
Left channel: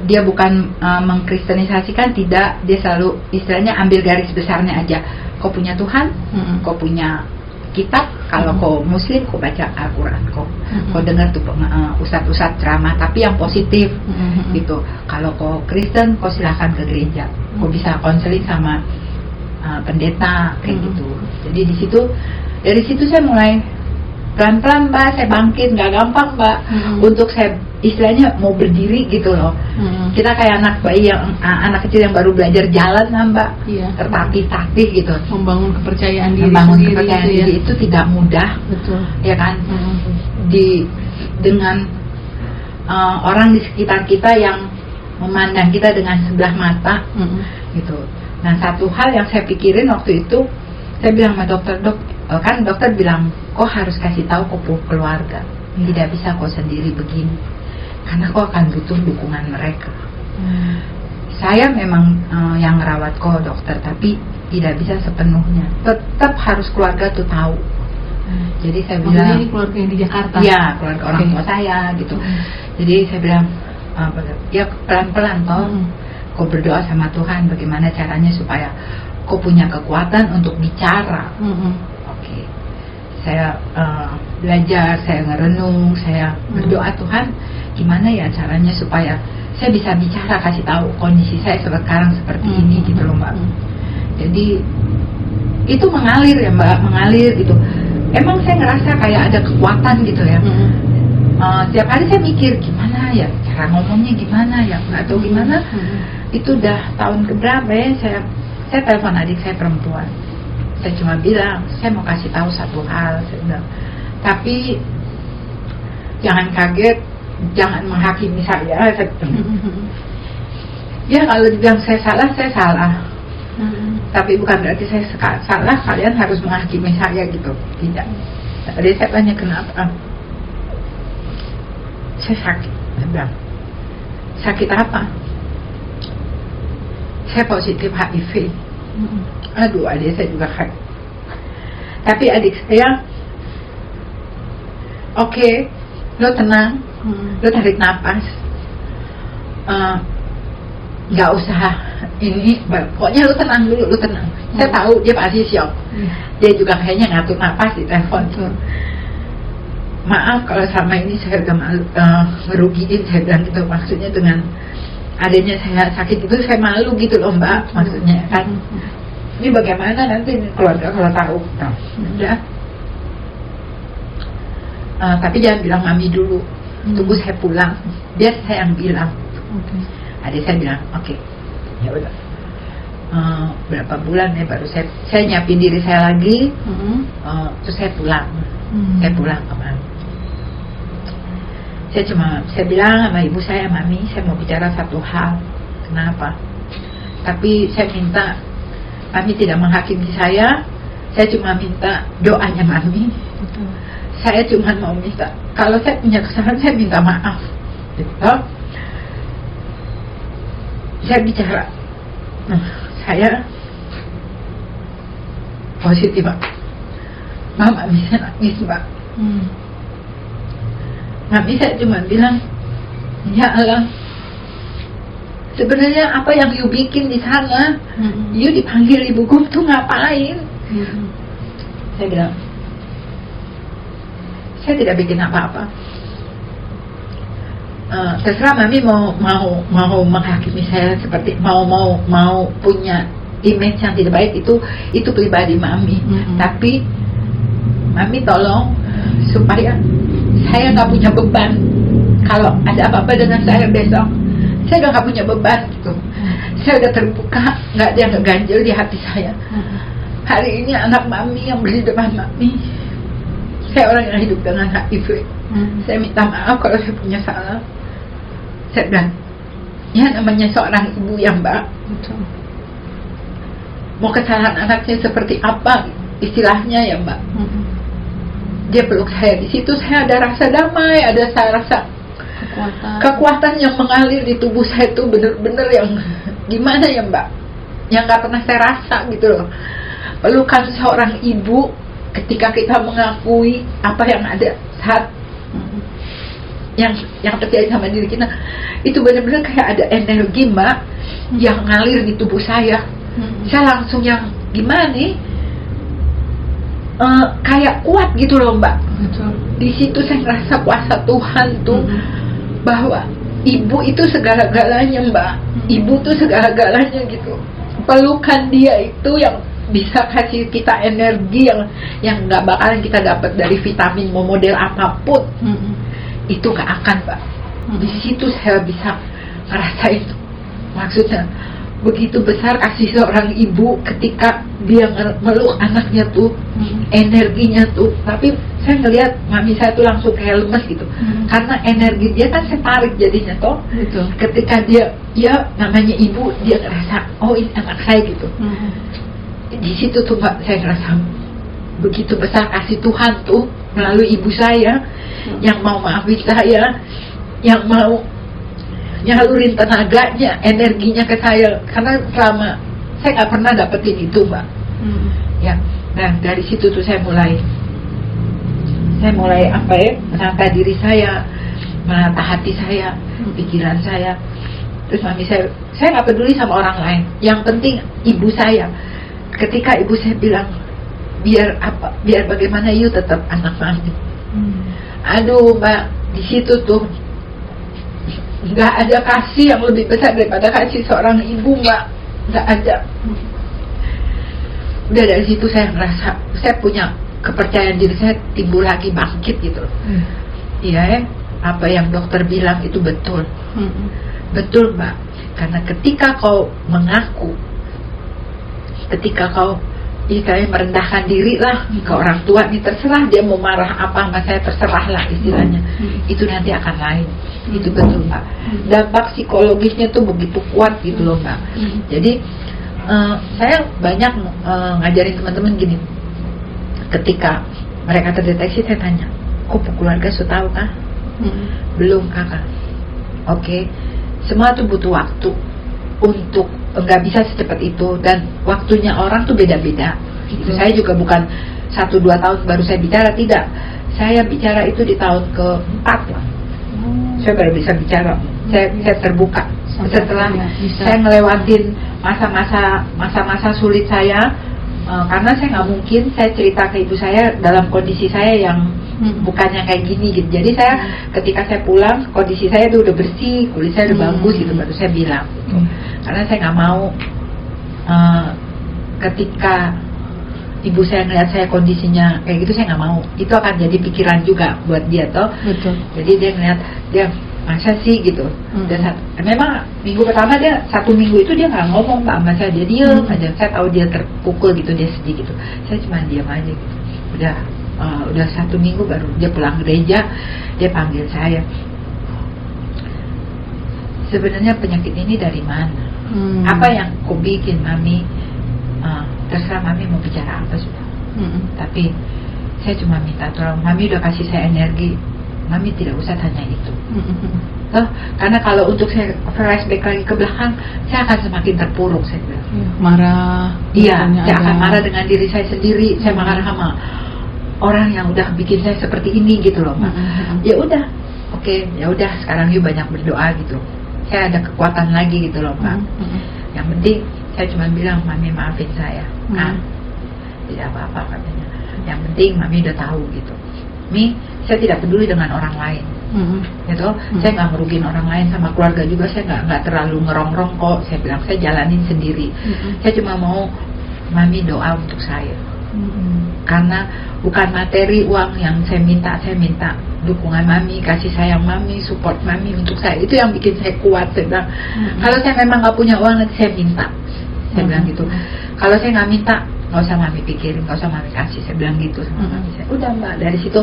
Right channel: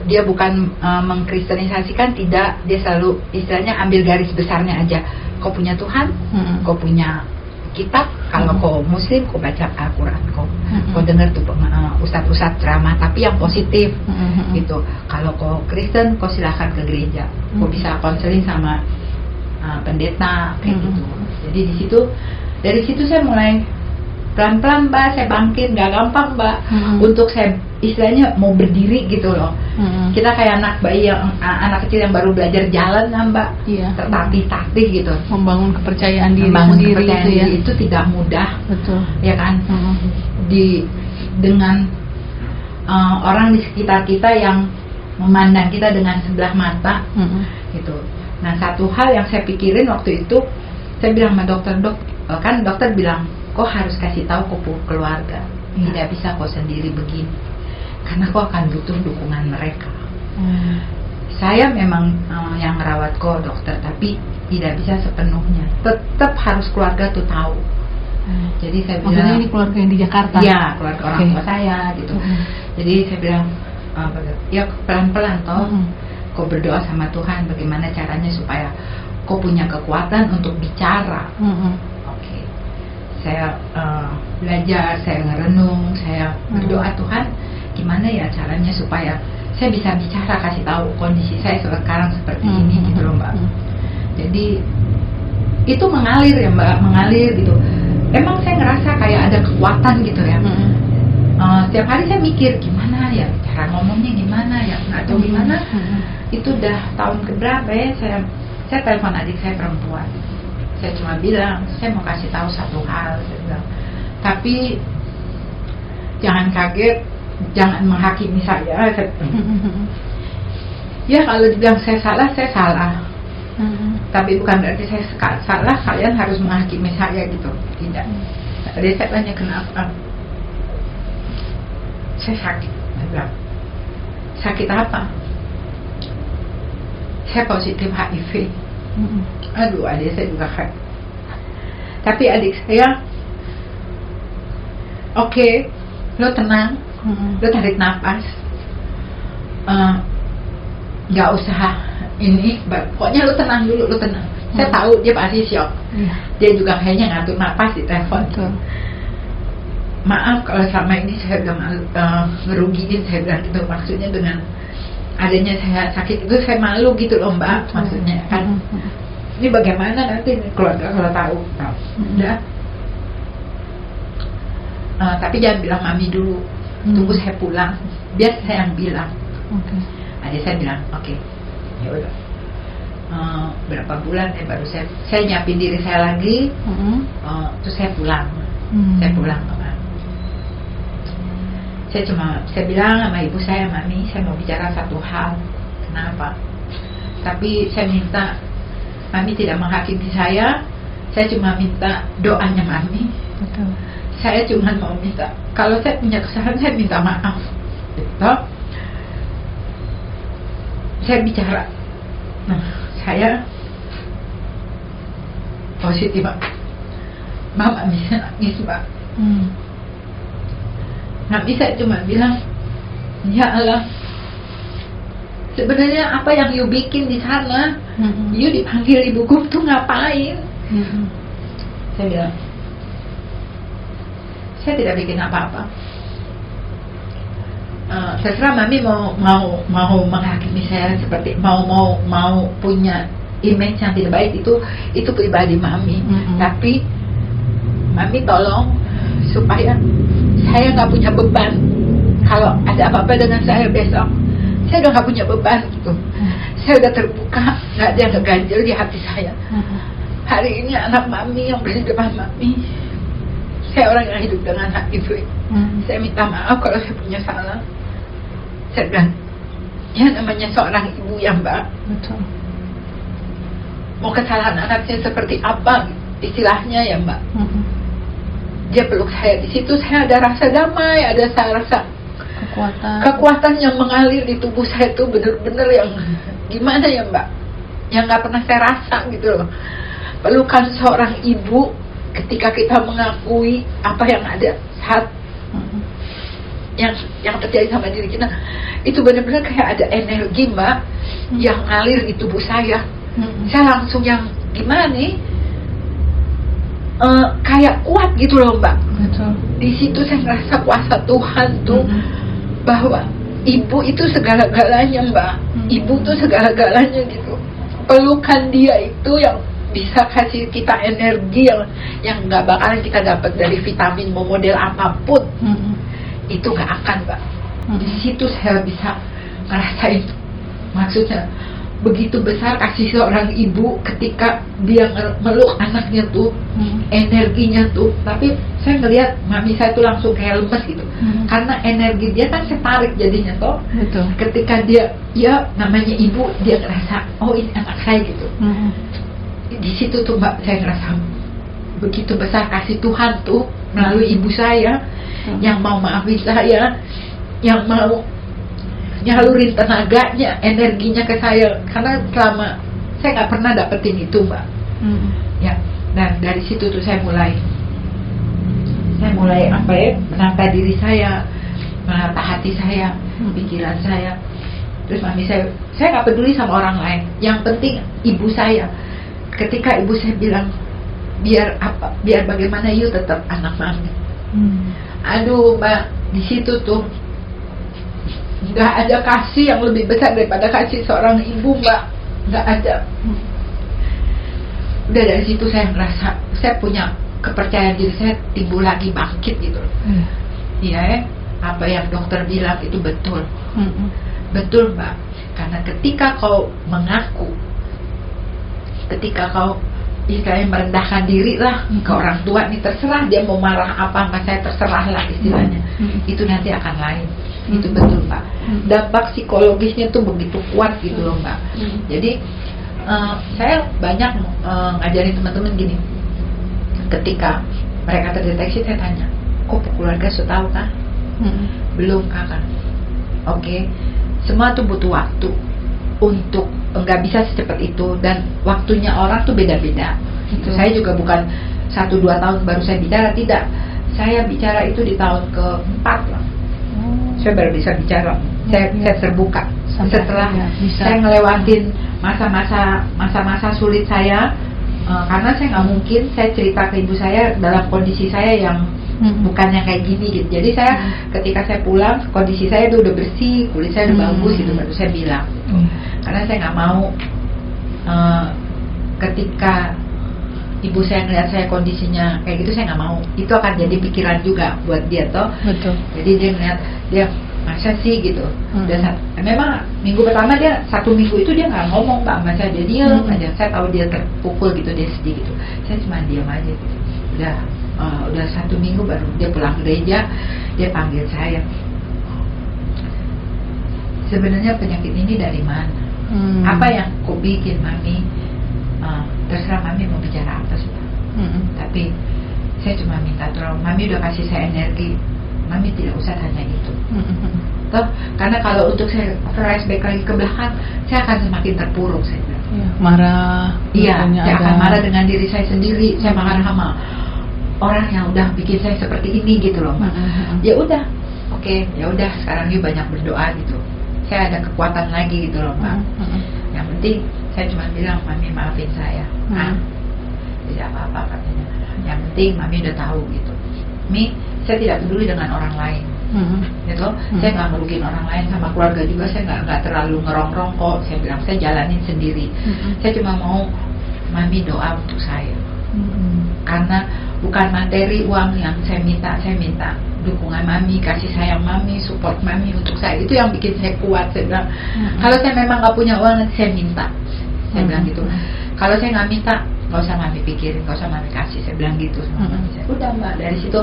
Dia bukan mengkristenisasikan, tidak, dia selalu istilahnya ambil garis besarnya aja. Kau punya Tuhan, kau punya kitab, kalau kau Muslim kau baca Al-Quran, kau dengar tuh ustadz-ustadz ceramah tapi yang positif gitu. Kalau kau Kristen kau silahkan ke gereja, kau bisa konseling sama pendeta kayak gitu. Jadi dari situ saya mulai pelan-pelan Mbak, saya bangkit, nggak gampang Mbak, untuk saya istilahnya mau berdiri gitu loh. Kita kayak anak bayi anak kecil yang baru belajar jalan kan Mbak, tertatih-tatih gitu. Membangun kepercayaan diri Membangun sendiri kepercayaan itu ya. diri itu tidak mudah, Betul. ya kan? Dengan orang di sekitar kita yang memandang kita dengan sebelah mata, gitu. Nah satu hal yang saya pikirin waktu itu, saya bilang sama dokter, kan dokter bilang, kau harus kasih tahu kau keluarga, tidak bisa kau sendiri begini, karena kau akan butuh dukungan mereka. Saya memang yang merawat kau dokter, tapi tidak bisa sepenuhnya. Tetap harus keluarga tuh tahu. Jadi saya bilang, maksudnya ini keluarga yang di Jakarta? Iya, keluarga orang tua saya gitu. Jadi saya bilang, ya pelan-pelan toh, kau berdoa sama Tuhan bagaimana caranya supaya kau punya kekuatan untuk bicara. Oke. Saya belajar, saya ngerenung, saya berdoa, Tuhan gimana ya caranya supaya saya bisa bicara, kasih tahu kondisi saya sekarang seperti ini gitu loh Mbak. Jadi itu mengalir ya Mbak, mengalir gitu. Emang saya ngerasa kayak ada kekuatan gitu ya. Setiap hari saya mikir gimana ya cara ngomongnya, gimana ya atau gimana. Itu udah tahun keberapa ya, saya telepon adik saya perempuan. Saya cuma bilang, saya mau kasih tahu satu hal, saya bilang, tapi jangan kaget, jangan menghakimi saya. Ya kalau dibilang saya salah. Tapi bukan berarti saya salah, kalian harus menghakimi saya gitu. Tidak. Tadi saya tanya kenapa? Saya sakit. Saya bilang, sakit apa? Saya positif HIV. Aduh, adik saya juga HIV. Tapi adik saya, oke, lo tenang, lo tarik nafas, nggak usah ini, pokoknya lo tenang dulu, lo tenang. Saya tahu dia pasti shock. Dia juga kayaknya ngatur nafas di telepon. Maaf kalau selama ini saya udah ngerugiin, saya bilang gitu, maksudnya dengan adanya saya sakit itu saya malu gitu loh Mbak, maksudnya kan ini bagaimana nanti keluarga kalau tahu. Udah, tapi jangan bilang mami dulu, tunggu saya pulang biar saya yang bilang. Adik saya bilang oke, ya udah. Berapa bulan ya baru saya nyiapin diri saya lagi, terus saya pulang. Saya pulang ke mami. Saya bilang sama ibu saya, mami, saya mau bicara satu hal. Kenapa? Tapi saya minta mami tidak menghakimi saya cuma minta doanya mami. Saya cuma mau minta, kalau saya punya kesalahan saya minta maaf gitu. Saya bicara, saya positif Mbak, mama bisa nangis Mbak. Nggak bisa cuma bilang, ya Allah, sebenarnya apa yang you bikin di sana, you dipanggil ibu guru tuh ngapain? Saya bilang, saya tidak bikin apa-apa. Terserah mami mau menghakimi saya seperti mau punya image yang tidak baik, itu pribadi mami. Tapi mami tolong supaya saya nggak punya beban. Kalau ada apa-apa dengan saya besok, saya udah nggak punya beban gitu. Saya udah terbuka, nggak ada yang ngeganjel di hati saya. Hari ini anak mami yang berdiri depan mami, saya orang yang hidup dengan HIV. Saya minta maaf kalau saya punya salah. Saya bilang, ya namanya seorang ibu yang Mbak, mau kesalahan anaknya seperti apa istilahnya ya Mbak. Dia peluk saya, di situ saya ada rasa damai, ada saya rasa kekuatan yang mengalir di tubuh saya itu benar-benar yang gimana ya Mbak, yang nggak pernah saya rasa gitu loh. Pelukan seorang ibu ketika kita mengakui apa yang ada saat yang terjadi sama diri kita, itu benar-benar kayak ada energi Mbak yang ngalir di tubuh saya. Saya langsung yang gimana nih, kayak kuat gitu loh Mbak. Betul. Di situ saya ngerasa kuasa Tuhan tuh, bahwa ibu itu segala-galanya Mbak. Ibu tuh segala-galanya gitu. Pelukan dia itu yang bisa kasih kita energi yang nggak bakalan kita dapat dari vitamin mau model apapun. Itu gak akan Mbak. Di situ saya bisa ngerasain, maksudnya begitu besar kasih seorang ibu ketika dia meluk anaknya tuh, energinya tuh. Tapi saya ngelihat mami saya tuh langsung kayak lemes gitu, karena energi dia kan setarik jadinya toh. Betul. Ketika dia namanya ibu, dia ngerasa oh ini anak saya gitu. Di situ tuh Mbak saya ngerasa begitu besar kasih Tuhan tuh melalui ibu saya, yang mau maafin saya, yang mau nyalurin tenaganya, energinya ke saya, karena selama saya nggak pernah dapetin itu Mbak. Ya, dan dari situ tuh saya mulai apa ya, menata diri saya, menata hati saya, pikiran saya. Terus mami saya nggak peduli sama orang lain, yang penting ibu saya. Ketika ibu saya bilang biar bagaimana you tetap anak mami. Aduh Mbak, di situ tuh nggak ada kasih yang lebih besar daripada kasih seorang ibu Mbak, nggak ada. Udah dari situ saya merasa saya punya kepercayaan diri saya timbul lagi, bangkit gitu. Iya ya, apa yang dokter bilang itu betul. Betul Mbak, karena ketika kau mengaku, ketika kau istilahnya merendahkan diri lah ke orang tua nih, terserah dia mau marah apa nggak, saya terserah lah istilahnya. Itu nanti akan lain. Itu betul Mbak. Dampak psikologisnya tuh begitu kuat gitu loh Mbak. Jadi saya banyak ngajarin teman-teman gini, ketika mereka terdeteksi saya tanya, kok keluarga sudah tahu kah? Belum kakak. Oke. Semua tuh butuh waktu untuk, nggak bisa secepat itu, dan waktunya orang tuh beda-beda. Saya juga bukan 1-2 tahun baru saya bicara, tidak. Saya bicara itu di tahun ke-4 lah. Saya baru bisa bicara. Saya terbuka. Setelah saya ngelewatin masa-masa sulit saya, karena saya nggak mungkin saya cerita ke ibu saya dalam kondisi saya yang bukan yang kayak gini gitu. Jadi saya ketika saya pulang, kondisi saya tuh udah bersih, kulit saya udah bagus gitu, baru saya bilang. Karena saya nggak mau ketika ibu saya ngeliat saya kondisinya kayak gitu, saya nggak mau. Itu akan jadi pikiran juga buat dia toh. Betul. Jadi dia ngeliat, dia masa sih gitu. Dan memang minggu pertama dia 1 minggu itu dia nggak ngomong Mbak sama saya, dia diem aja. Saya tahu dia terpukul gitu, dia sedih gitu. Saya cuma diam aja gitu. Udah 1 minggu baru dia pulang gereja, dia panggil saya. Sebenarnya penyakit ini dari mana? Apa yang kau bikin mami? Terserah mami mau bicara apa sudah. Tapi saya cuma minta tolong, mami udah kasih saya energi, mami tidak usah tanya itu. Toh, karena kalau untuk saya flashback lagi ke belakang, saya akan semakin terpuruk saya bilang. Marah. Iya, saya akan marah dengan diri saya sendiri. Saya marah sama orang yang udah bikin saya seperti ini gitu loh Mbak. Ya udah, oke, ya udah sekarang yuk banyak berdoa gitu. Saya ada kekuatan lagi gitu loh Mbak. Yang penting saya cuma bilang, mami maafin saya. Tidak apa-apa katanya. Yang penting mami udah tahu gitu. Mi, saya tidak peduli dengan orang lain. Gitu. Saya nggak merugiin orang lain, sama keluarga juga saya nggak terlalu ngerongrong kok. Saya bilang saya jalanin sendiri. Saya cuma mau mami doa untuk saya. Karena bukan materi uang yang saya minta dukungan mami, kasih sayang mami, support mami untuk saya. Itu yang bikin saya kuat. Saya bilang, kalau saya memang nggak punya uang nanti saya minta. Saya bilang gitu. Kalau saya nggak minta, nggak usah mami pikirin, nggak usah mami kasih. Saya bilang gitu sama mami saya. Udah Mbak, dari situ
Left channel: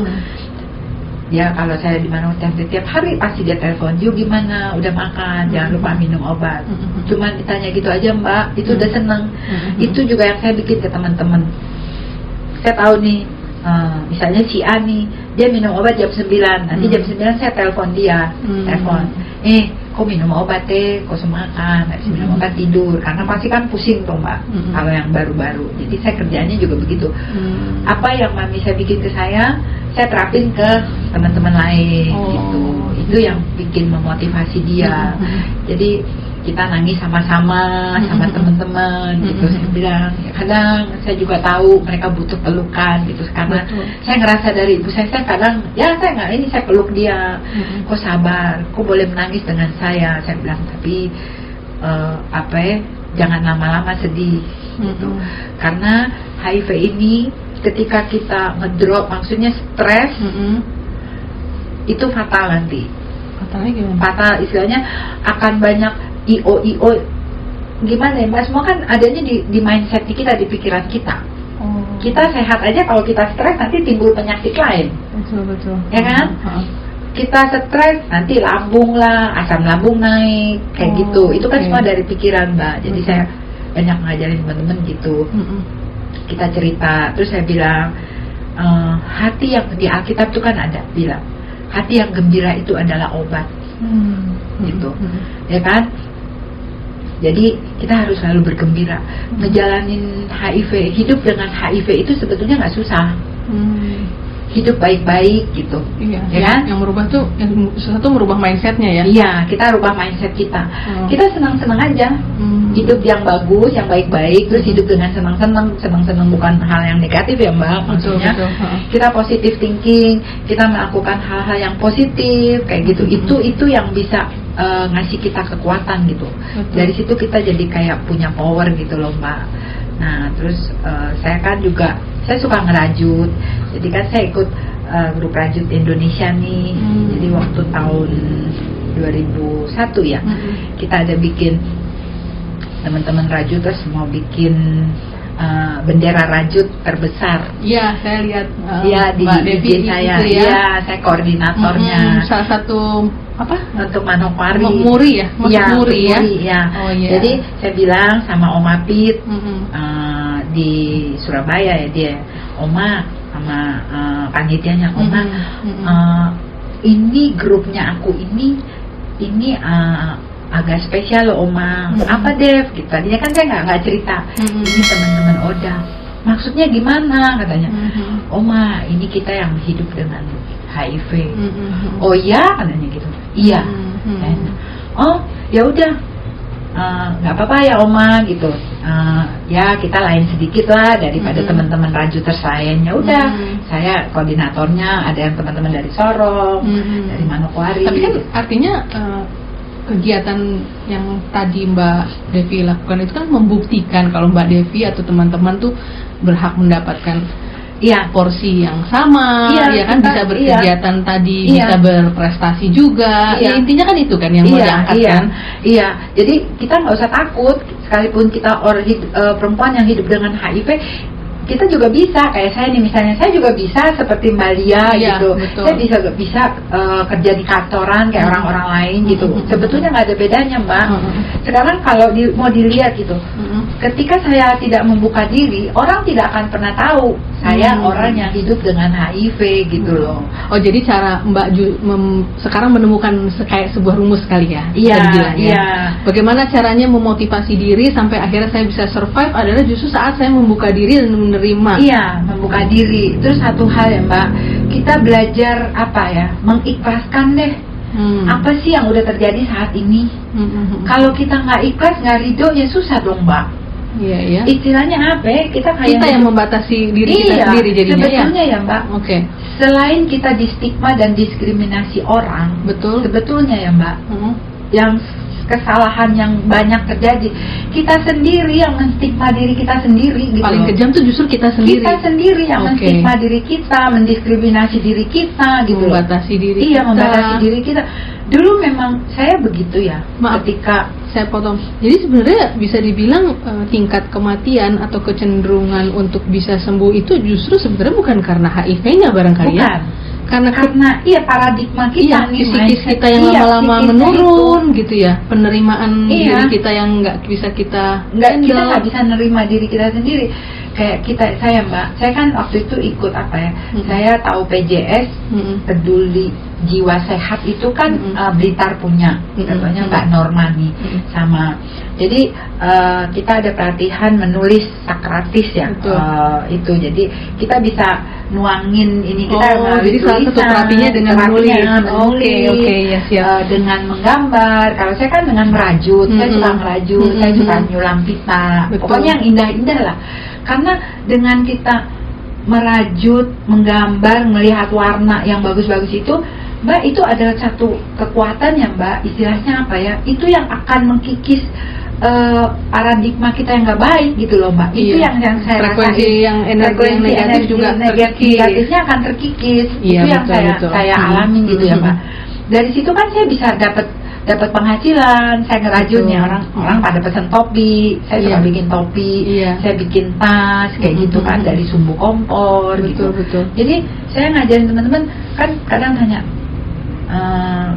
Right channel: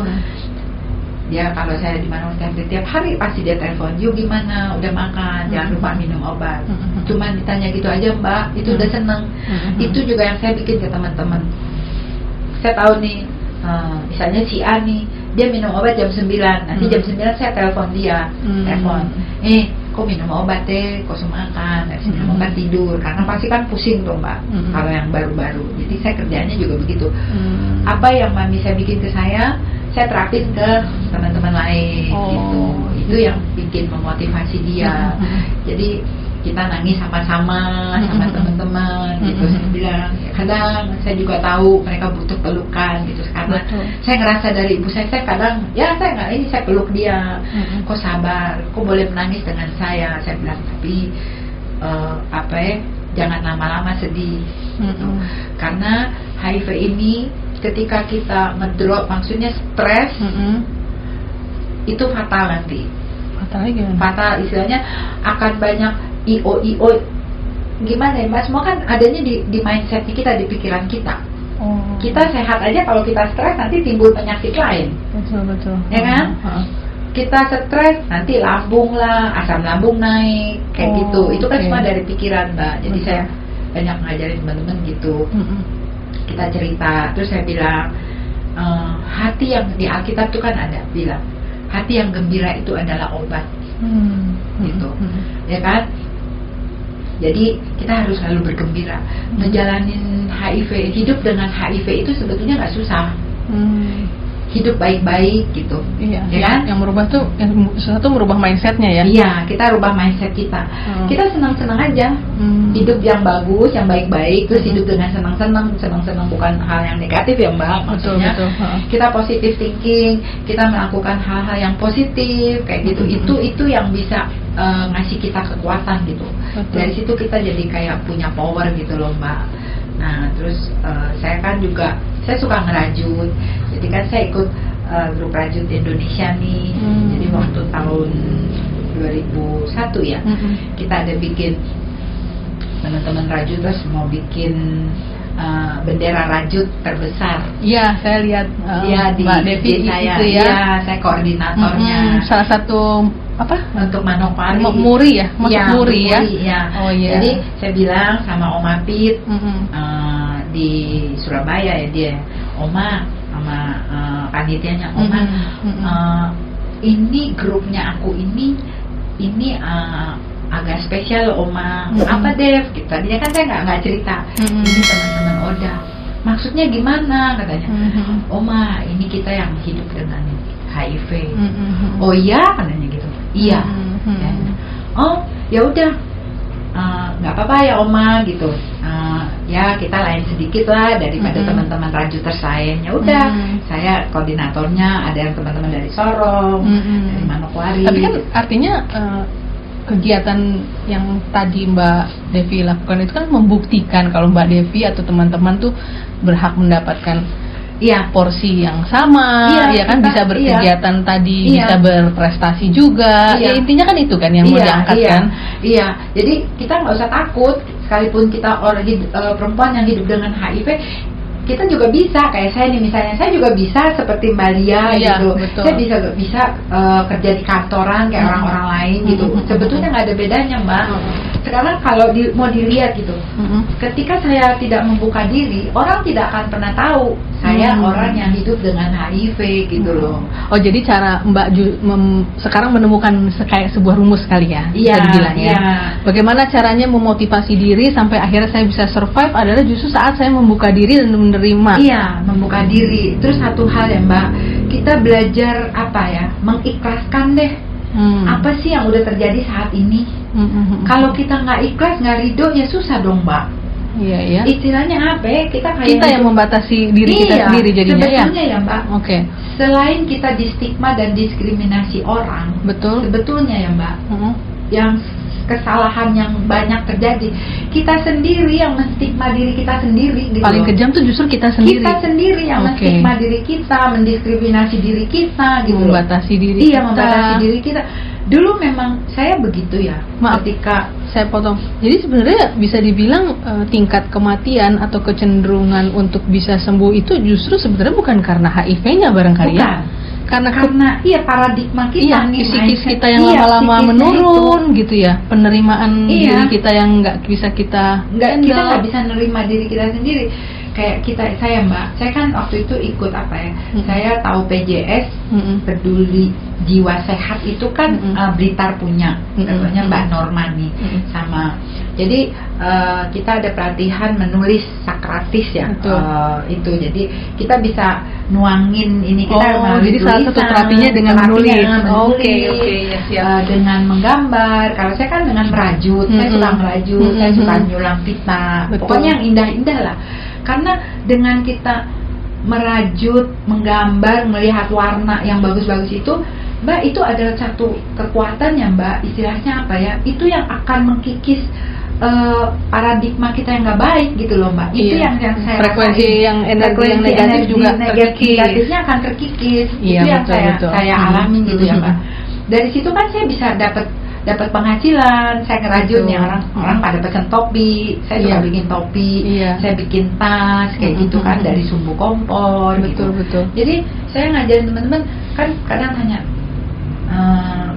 dia kalau saya di mana tiap hari pasti dia telepon, yuk gimana, udah makan, jangan lupa minum obat. Cuman ditanya gitu aja Mbak, itu udah seneng. Itu juga yang saya bikin ke teman-teman. Saya tahu nih, misalnya si A nih, dia minum obat jam 9, nanti jam 9 saya telepon dia, kok minum obat kok semakan, habis minum obat tidur, karena pasti kan pusing tuh Mbak, kalau yang baru-baru. Jadi saya kerjanya juga begitu. Apa yang mami saya bikin ke saya terapin ke teman-teman lain gitu. Itu yang bikin memotivasi dia. Jadi kita nangis sama-sama sama teman-teman gitu. Saya bilang kadang saya juga tahu mereka butuh pelukan gitu, karena Betul. saya ngerasa dari ibu saya kadang ya saya nggak ini, saya peluk dia, kok sabar, kok boleh menangis dengan saya bilang, tapi jangan lama-lama sedih gitu. Karena HIV ini ketika kita ngedrop, maksudnya stres, itu fatal nanti. Fatalnya gimana? Fatal istilahnya akan banyak IO gimana ya Mbak, semua kan adanya di mindset kita, di pikiran kita. Kita sehat aja, kalau kita stres nanti timbul penyakit lain. Betul. Ya kan? Kita stres nanti lambung lah, asam lambung naik kayak gitu. Itu kan semua dari pikiran Mbak. Jadi Betul. saya banyak ngajarin teman-teman gitu. Kita cerita, terus saya bilang hati yang di Alkitab itu kan ada bilang hati yang gembira itu adalah obat. Gitu. Ya kan? Jadi kita harus selalu bergembira. Menjalanin HIV, hidup dengan HIV itu sebetulnya nggak susah. Hidup baik-baik gitu. Iya. Ya kan? Yang merubah tuh, yang sesuatu merubah mindsetnya ya. Iya, kita rubah mindset kita. Kita senang-senang aja. Hidup yang bagus, yang baik-baik, terus hidup dengan senang-senang bukan hal yang negatif ya Mbak. Maksudnya Betul. kita positive thinking, kita melakukan hal-hal yang positif kayak gitu. Itu yang bisa ngasih kita kekuatan gitu. Betul. Dari situ kita jadi kayak punya power gitu loh Mbak. Nah terus saya kan juga, saya suka ngerajut. Jadi kan saya ikut grup rajut Indonesia nih. Jadi waktu tahun 2001 ya, kita ada bikin, teman-teman rajut terus mau bikin bendera rajut terbesar. Iya, saya lihat Iya, Mbak Devi di saya. itu ya. Iya, saya koordinatornya. Salah satu apa? Untuk Manokwari. Muri ya, masuk Ya, Muri ya. ya. Oh iya. Jadi saya bilang sama Om Apit di Surabaya ya, dia Oma sama panitianya, Oma ini grupnya aku ini agak spesial loh Oma. Apa Dev? Gitu. Tadinya kan saya nggak cerita. Ini teman-teman Oda. Maksudnya gimana katanya? Oma, ini kita yang hidup dengan HIV. Oh iya katanya gitu. Iya. Oh ya udah, nggak apa-apa ya Oma gitu. Ya kita lain sedikit lah daripada teman-teman rajuters lain. Ya udah, saya koordinatornya, ada yang teman-teman dari Sorong, dari Manokwari. Tapi kan artinya kegiatan yang tadi Mbak Devi lakukan itu kan membuktikan kalau Mbak Devi atau teman-teman tuh berhak mendapatkan porsi yang sama, ya kan, bisa berkegiatan tadi, bisa berprestasi juga. Ya intinya kan itu kan yang mau diangkat kan. Iya, jadi kita nggak usah takut, sekalipun kita perempuan yang hidup dengan HIV, kita juga bisa. Kayak saya nih misalnya, saya juga bisa seperti Mbak Lia gitu. Betul. Saya bisa kerja di kantoran kayak orang-orang lain gitu. Sebetulnya nggak ada bedanya Mbak. Sekarang kalau mau dilihat gitu, ketika saya tidak membuka diri, orang tidak akan pernah tahu saya orang yang hidup dengan HIV gitu loh. Oh jadi cara Mbak sekarang menemukan kayak sebuah rumus kali ya, bisa dibilang ya. Bagaimana caranya memotivasi diri sampai akhirnya saya bisa survive adalah justru saat saya membuka diri dan menerima. Iya, membuka diri. Itu satu hal ya Mbak. Kita belajar mengikhlaskan deh. Apa sih yang udah terjadi saat ini? Kalau kita nggak ikhlas, nggak ridho, ya susah dong Mbak. Iya ya. Istilahnya apa ya? Kita yang membatasi diri kita sendiri jadinya ya. Sebetulnya ya Mbak. Oke. Selain kita distigma dan diskriminasi orang, betul. Sebetulnya ya Mbak, yang kesalahan yang banyak terjadi, kita sendiri yang menstigma diri kita sendiri gitu. Paling kejam tuh justru kita sendiri. Kita sendiri yang menstigma diri kita, mendiskriminasi diri kita gitu. Membatasi diri kita. Iya, membatasi diri kita. Dulu memang saya begitu ya. Maaf, ketika saya potong. Jadi sebenarnya bisa dibilang tingkat kematian atau kecenderungan untuk bisa sembuh itu justru sebenarnya bukan karena HIV-nya barangkali ya. Karena paradigma kita nih, psikis kita yang lama-lama menurun gitu ya, penerimaan diri kita yang nggak bisa kita nggak bisa nerima diri kita sendiri. kayak saya Mbak, saya kan waktu itu ikut apa ya, saya tahu PJS, Peduli Jiwa Sehat itu kan Blitar punya, namanya Mbak Norma nih, sama. Jadi kita ada pelatihan menulis Sokratis ya, itu. Jadi kita bisa nuangin ini kita melalui jadi salah satu terapinya dengan menulis. Oke, siap. Dengan menggambar. Kalau saya kan dengan merajut, saya suka merajut, saya suka nyulam pita. Pokoknya yang indah-indah lah. Karena dengan kita merajut, menggambar, melihat warna yang bagus-bagus itu, Mbak, itu adalah satu kekuatan ya Mbak, istilahnya apa ya, itu yang akan mengkikis paradigma kita yang nggak baik gitu loh Mbak. Itu yang saya frekuensi rasain. yang energi yang negatif juga terkikis. Negatifnya akan terkikis. Iya, itu yang betul. saya alami gitu ya Mbak. Dari situ kan saya bisa dapat penghasilan, saya ngerajutnya orang pada pesan topi, saya suka bikin topi, saya bikin tas kayak gitu kan dari sumbu kompor. Betul. Jadi saya ngajarin teman-teman kan kadang tanya,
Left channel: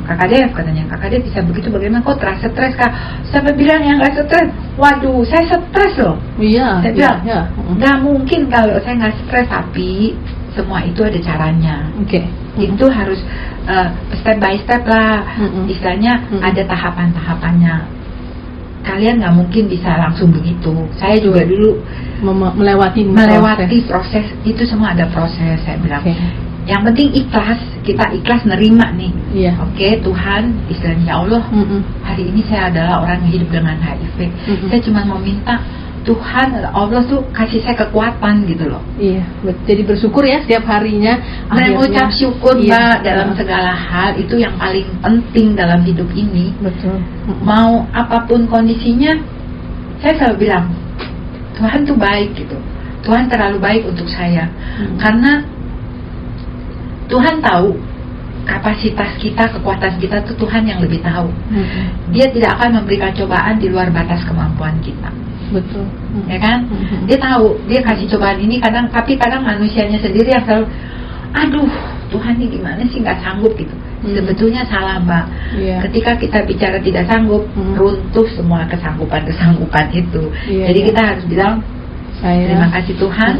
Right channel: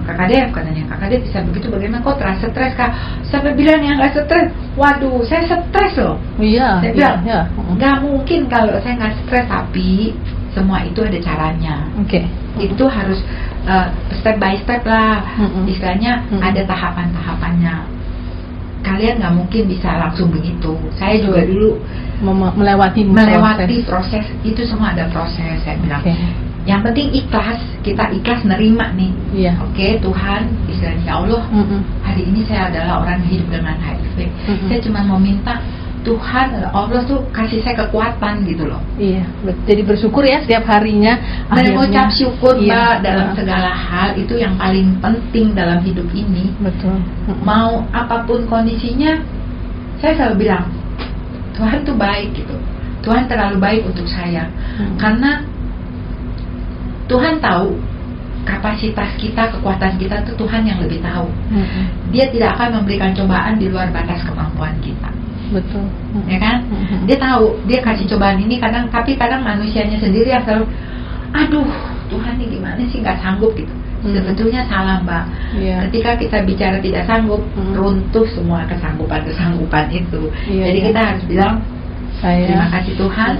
Kakak Dev katanya, Kakak Dev bisa begitu bagaimana kok terasa stres Kak? Sampai bilang yang nggak stres, waduh saya stres loh. Saya bilang nggak mungkin kalau saya nggak stres, tapi semua itu ada caranya. Itu harus step by step lah, istilahnya ada tahapan-tahapannya. Kalian nggak mungkin bisa langsung begitu. Saya juga dulu melewati proses itu, semua ada proses. Saya bilang yang penting ikhlas, kita ikhlas nerima nih. Oke, Tuhan, istilahnya ya Allah, hari ini saya adalah orang yang hidup dengan HIV. Saya cuma mau minta Tuhan, Allah tuh kasih saya kekuatan gitu loh. Jadi bersyukur ya setiap harinya. Mengucap syukur Mbak dalam segala hal, itu yang paling penting dalam hidup ini. Betul. Mau apapun kondisinya, saya selalu bilang Tuhan tuh baik gitu. Tuhan terlalu baik untuk saya. Karena Tuhan tahu kapasitas kita, kekuatan kita tuh Tuhan yang lebih tahu. Dia tidak akan memberikan cobaan di luar batas kemampuan kita. Betul. Ya kan? Dia tahu, dia kasih cobaan ini tapi kadang manusianya sendiri yang selalu, aduh Tuhan ini gimana sih, nggak sanggup gitu. Sebetulnya salah Mbak. Ketika kita bicara tidak sanggup, runtuh semua kesanggupan itu. Jadi kita harus bilang terima kasih Tuhan.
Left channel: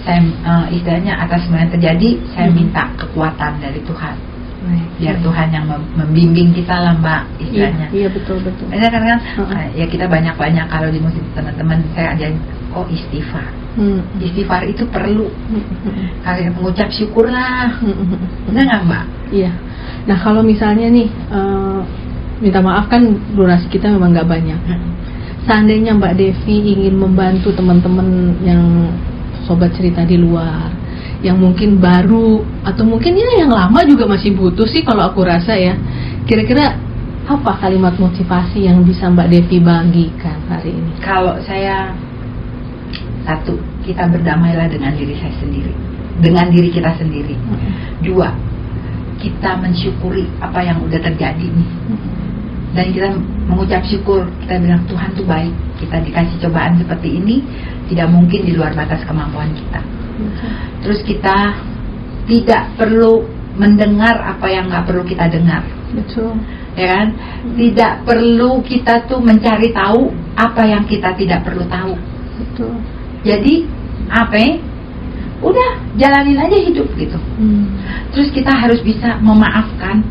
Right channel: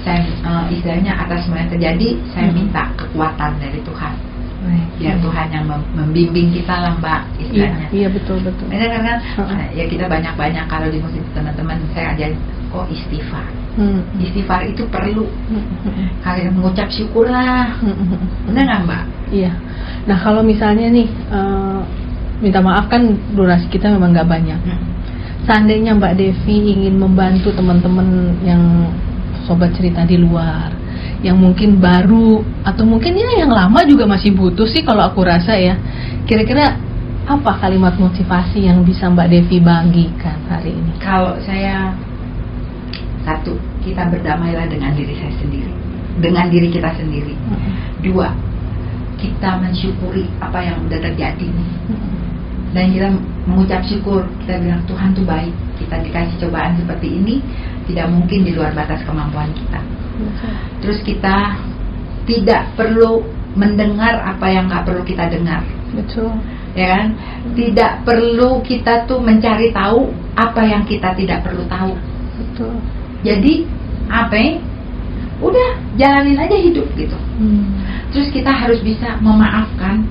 Saya istilahnya atas semua yang terjadi, saya minta kekuatan dari Tuhan. Biar Tuhan yang membimbing kita lah Mbak, istilahnya. Iya betul. Karena ya kita banyak kalau di musik teman-teman saya ajarin istighfar. Istighfar itu perlu. Kalian mengucap syukur lah. Benar nggak Mbak? Iya. Nah kalau misalnya nih minta maaf kan durasi kita memang nggak banyak. Seandainya Mbak Devi ingin membantu teman-teman yang sobat cerita di luar, yang mungkin baru atau mungkin ya yang lama juga masih butuh sih kalau aku rasa ya. Kira-kira apa kalimat motivasi yang bisa Mbak Devi bagikan hari ini? Kalau saya, satu, kita berdamailah dengan diri saya sendiri, dengan diri kita sendiri. Dua, kita mensyukuri apa yang udah terjadi nih. Dan kita mengucap syukur, kita bilang Tuhan tuh baik, kita dikasih cobaan seperti ini, tidak mungkin di luar batas kemampuan kita. Terus kita tidak perlu mendengar apa yang nggak perlu kita dengar. Betul. Ya kan? Tidak perlu kita tuh mencari tahu apa yang kita tidak perlu tahu. Betul. Jadi udah jalanin aja hidup gitu. Terus kita harus bisa memaafkan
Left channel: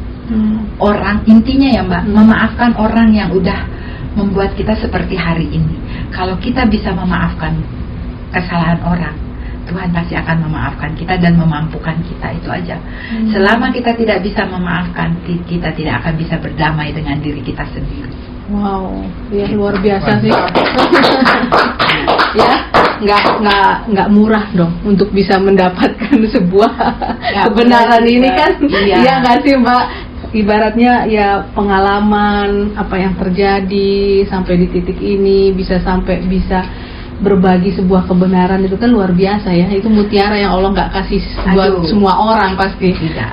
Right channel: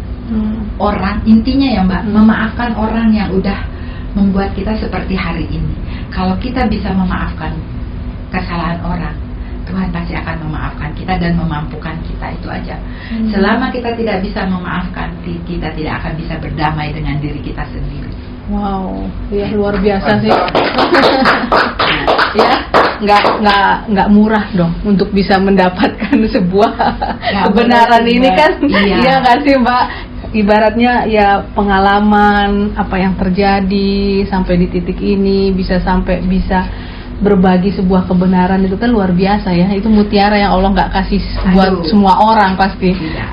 orang, intinya ya Mbak, memaafkan orang yang udah membuat kita seperti hari ini. Kalau kita bisa memaafkan kesalahan orang, Tuhan pasti akan memaafkan kita dan memampukan kita, itu aja. Selama kita tidak bisa memaafkan, kita tidak akan bisa berdamai dengan diri kita sendiri. Wow, ya luar biasa sih. Ya, nggak murah dong untuk bisa mendapatkan sebuah kebenaran ini kan. Iya nggak sih Mbak? Ibaratnya ya pengalaman apa yang terjadi sampai di titik ini, bisa berbagi sebuah kebenaran, itu kan luar biasa ya. Itu mutiara yang Allah nggak kasih buat semua orang pasti. Tidak.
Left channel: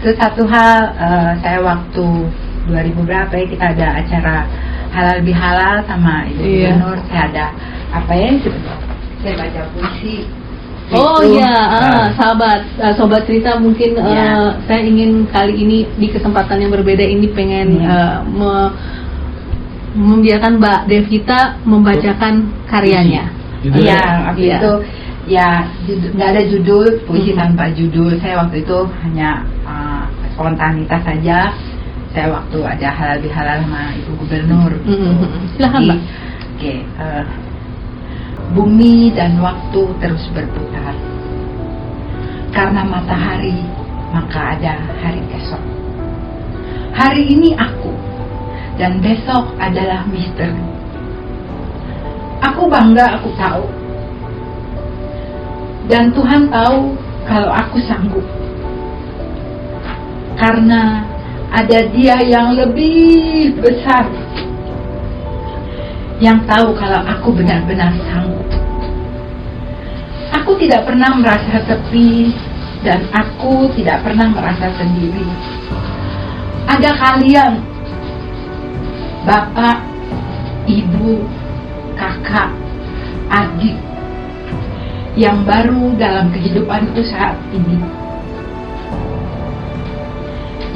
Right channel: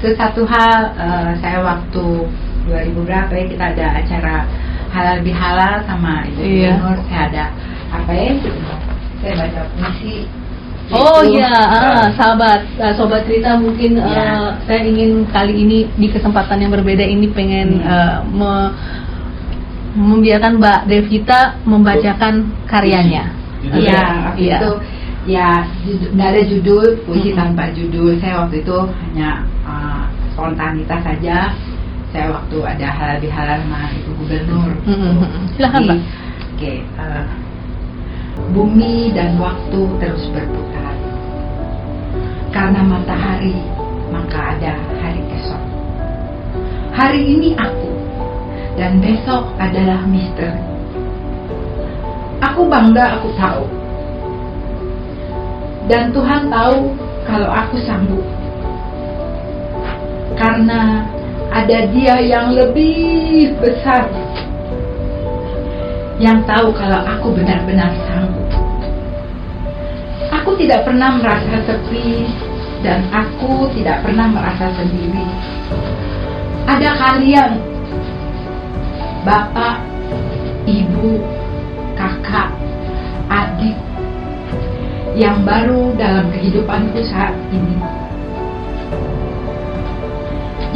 Terus satu hal, saya waktu 2000 berapa ya, kita ada acara halal bihalal sama Ibu Nur, saya ada apa ya itu? Saya baca puisi. Sobat cerita mungkin saya ingin kali ini di kesempatan yang berbeda ini pengen membiarkan Mbak Devita membacakan karyanya. Iya, waktu Iya. itu ya nggak ada judul, puisi tanpa judul. Saya waktu itu hanya spontanitas saja. Saya waktu ada halal bihalal sama Ibu Gubernur. Silakan Mbak. Oke, bumi dan waktu terus berputar. Karena matahari, maka ada hari esok. Hari ini aku, dan besok adalah misteri. Aku bangga aku tahu. Dan Tuhan tahu kalau aku sanggup. Karena ada Dia yang lebih besar yang tahu kalau aku benar-benar sanggup. Aku tidak pernah merasa sepi dan aku tidak pernah merasa sendiri. Ada kalian, Bapak, Ibu, Kakak, adik, yang baru dalam kehidupanku saat ini.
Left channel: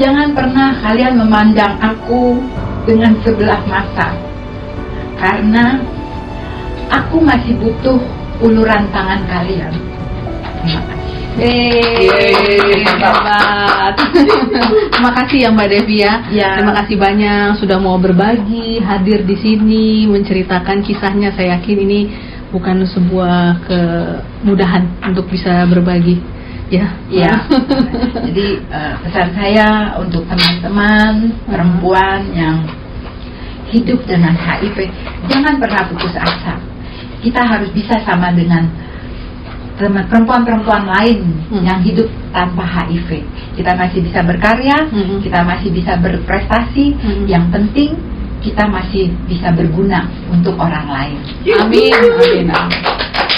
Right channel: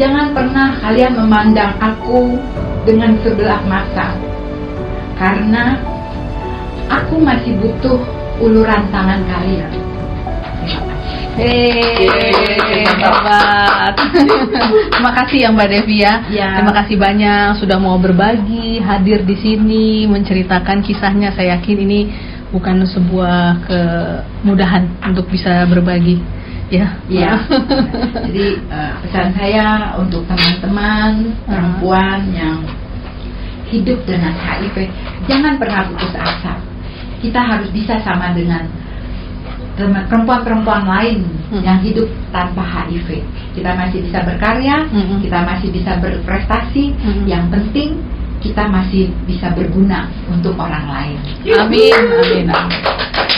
Jangan pernah kalian memandang aku dengan sebelah mata, karena aku masih butuh uluran tangan kalian. Terima kasih. Hebat. Terima kasih ya Mbak Devi ya. Ya. Terima kasih banyak sudah mau berbagi, hadir di sini, menceritakan kisahnya. Saya yakin ini bukan sebuah kemudahan untuk bisa berbagi. Ya. Ya. Jadi pesan saya untuk teman-teman perempuan yang hidup dengan HIV, jangan pernah putus asa. Kita harus bisa sama dengan perempuan-perempuan lain yang hidup tanpa HIV. Kita masih bisa berkarya, kita masih bisa berprestasi. Yang penting kita masih bisa berguna untuk orang lain. Amin, amin, amin.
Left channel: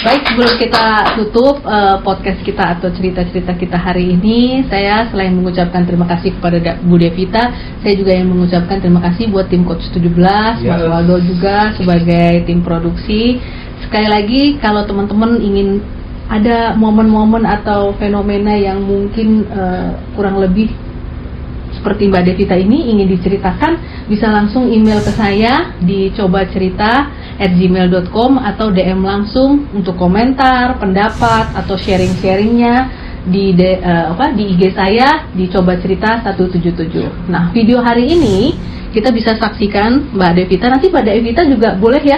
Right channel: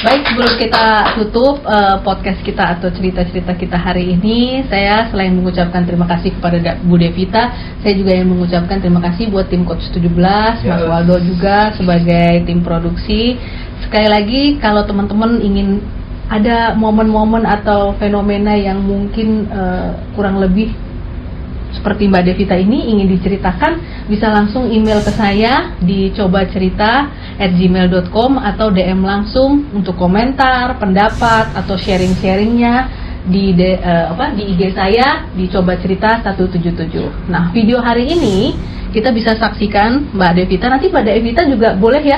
Baik, sebelum kita tutup podcast kita atau cerita-cerita kita hari ini, saya selain mengucapkan terima kasih kepada Bu Devita, saya juga yang mengucapkan terima kasih buat tim Coach 17, Mas Waldo juga sebagai tim produksi. Sekali lagi, kalau teman-teman ingin ada momen-momen atau fenomena yang mungkin kurang lebih seperti Mbak Devita ini ingin diceritakan, bisa langsung email ke saya di cobacerita@gmail.com atau DM langsung untuk komentar, pendapat atau sharing-sharingnya di IG saya di Coba Cerita 177. Nah, video hari ini kita bisa saksikan Mbak Devita. Nanti Mbak Devita juga boleh ya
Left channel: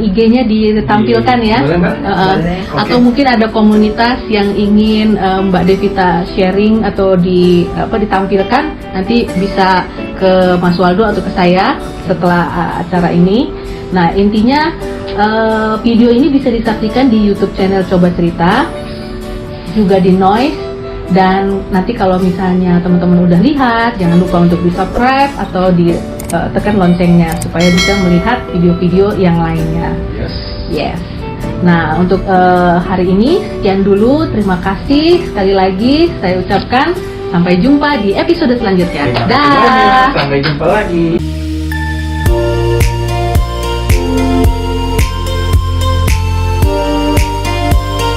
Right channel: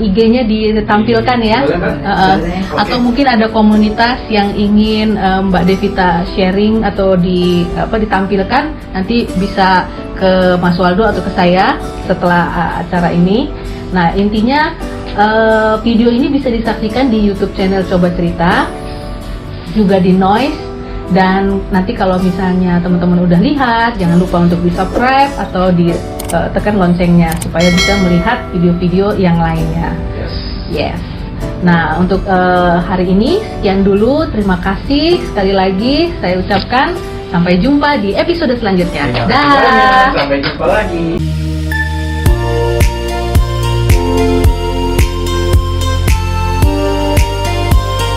IG-nya ditampilkan ya. Boleh. Atau mungkin ada komunitas yang ingin Mbak Devita sharing atau ditampilkan, nanti bisa ke Mas Waldo atau ke saya setelah acara ini. Nah, intinya video ini bisa disaksikan di YouTube channel Coba Cerita, juga di Noise. Dan nanti kalau misalnya teman-teman udah lihat, jangan lupa untuk di-subscribe atau tekan loncengnya supaya bisa melihat video-video yang lainnya. Yes. Nah, untuk hari ini sekian dulu. Terima kasih sekali lagi saya ucapkan. Sampai jumpa di episode selanjutnya. Dah. Sampai jumpa lagi.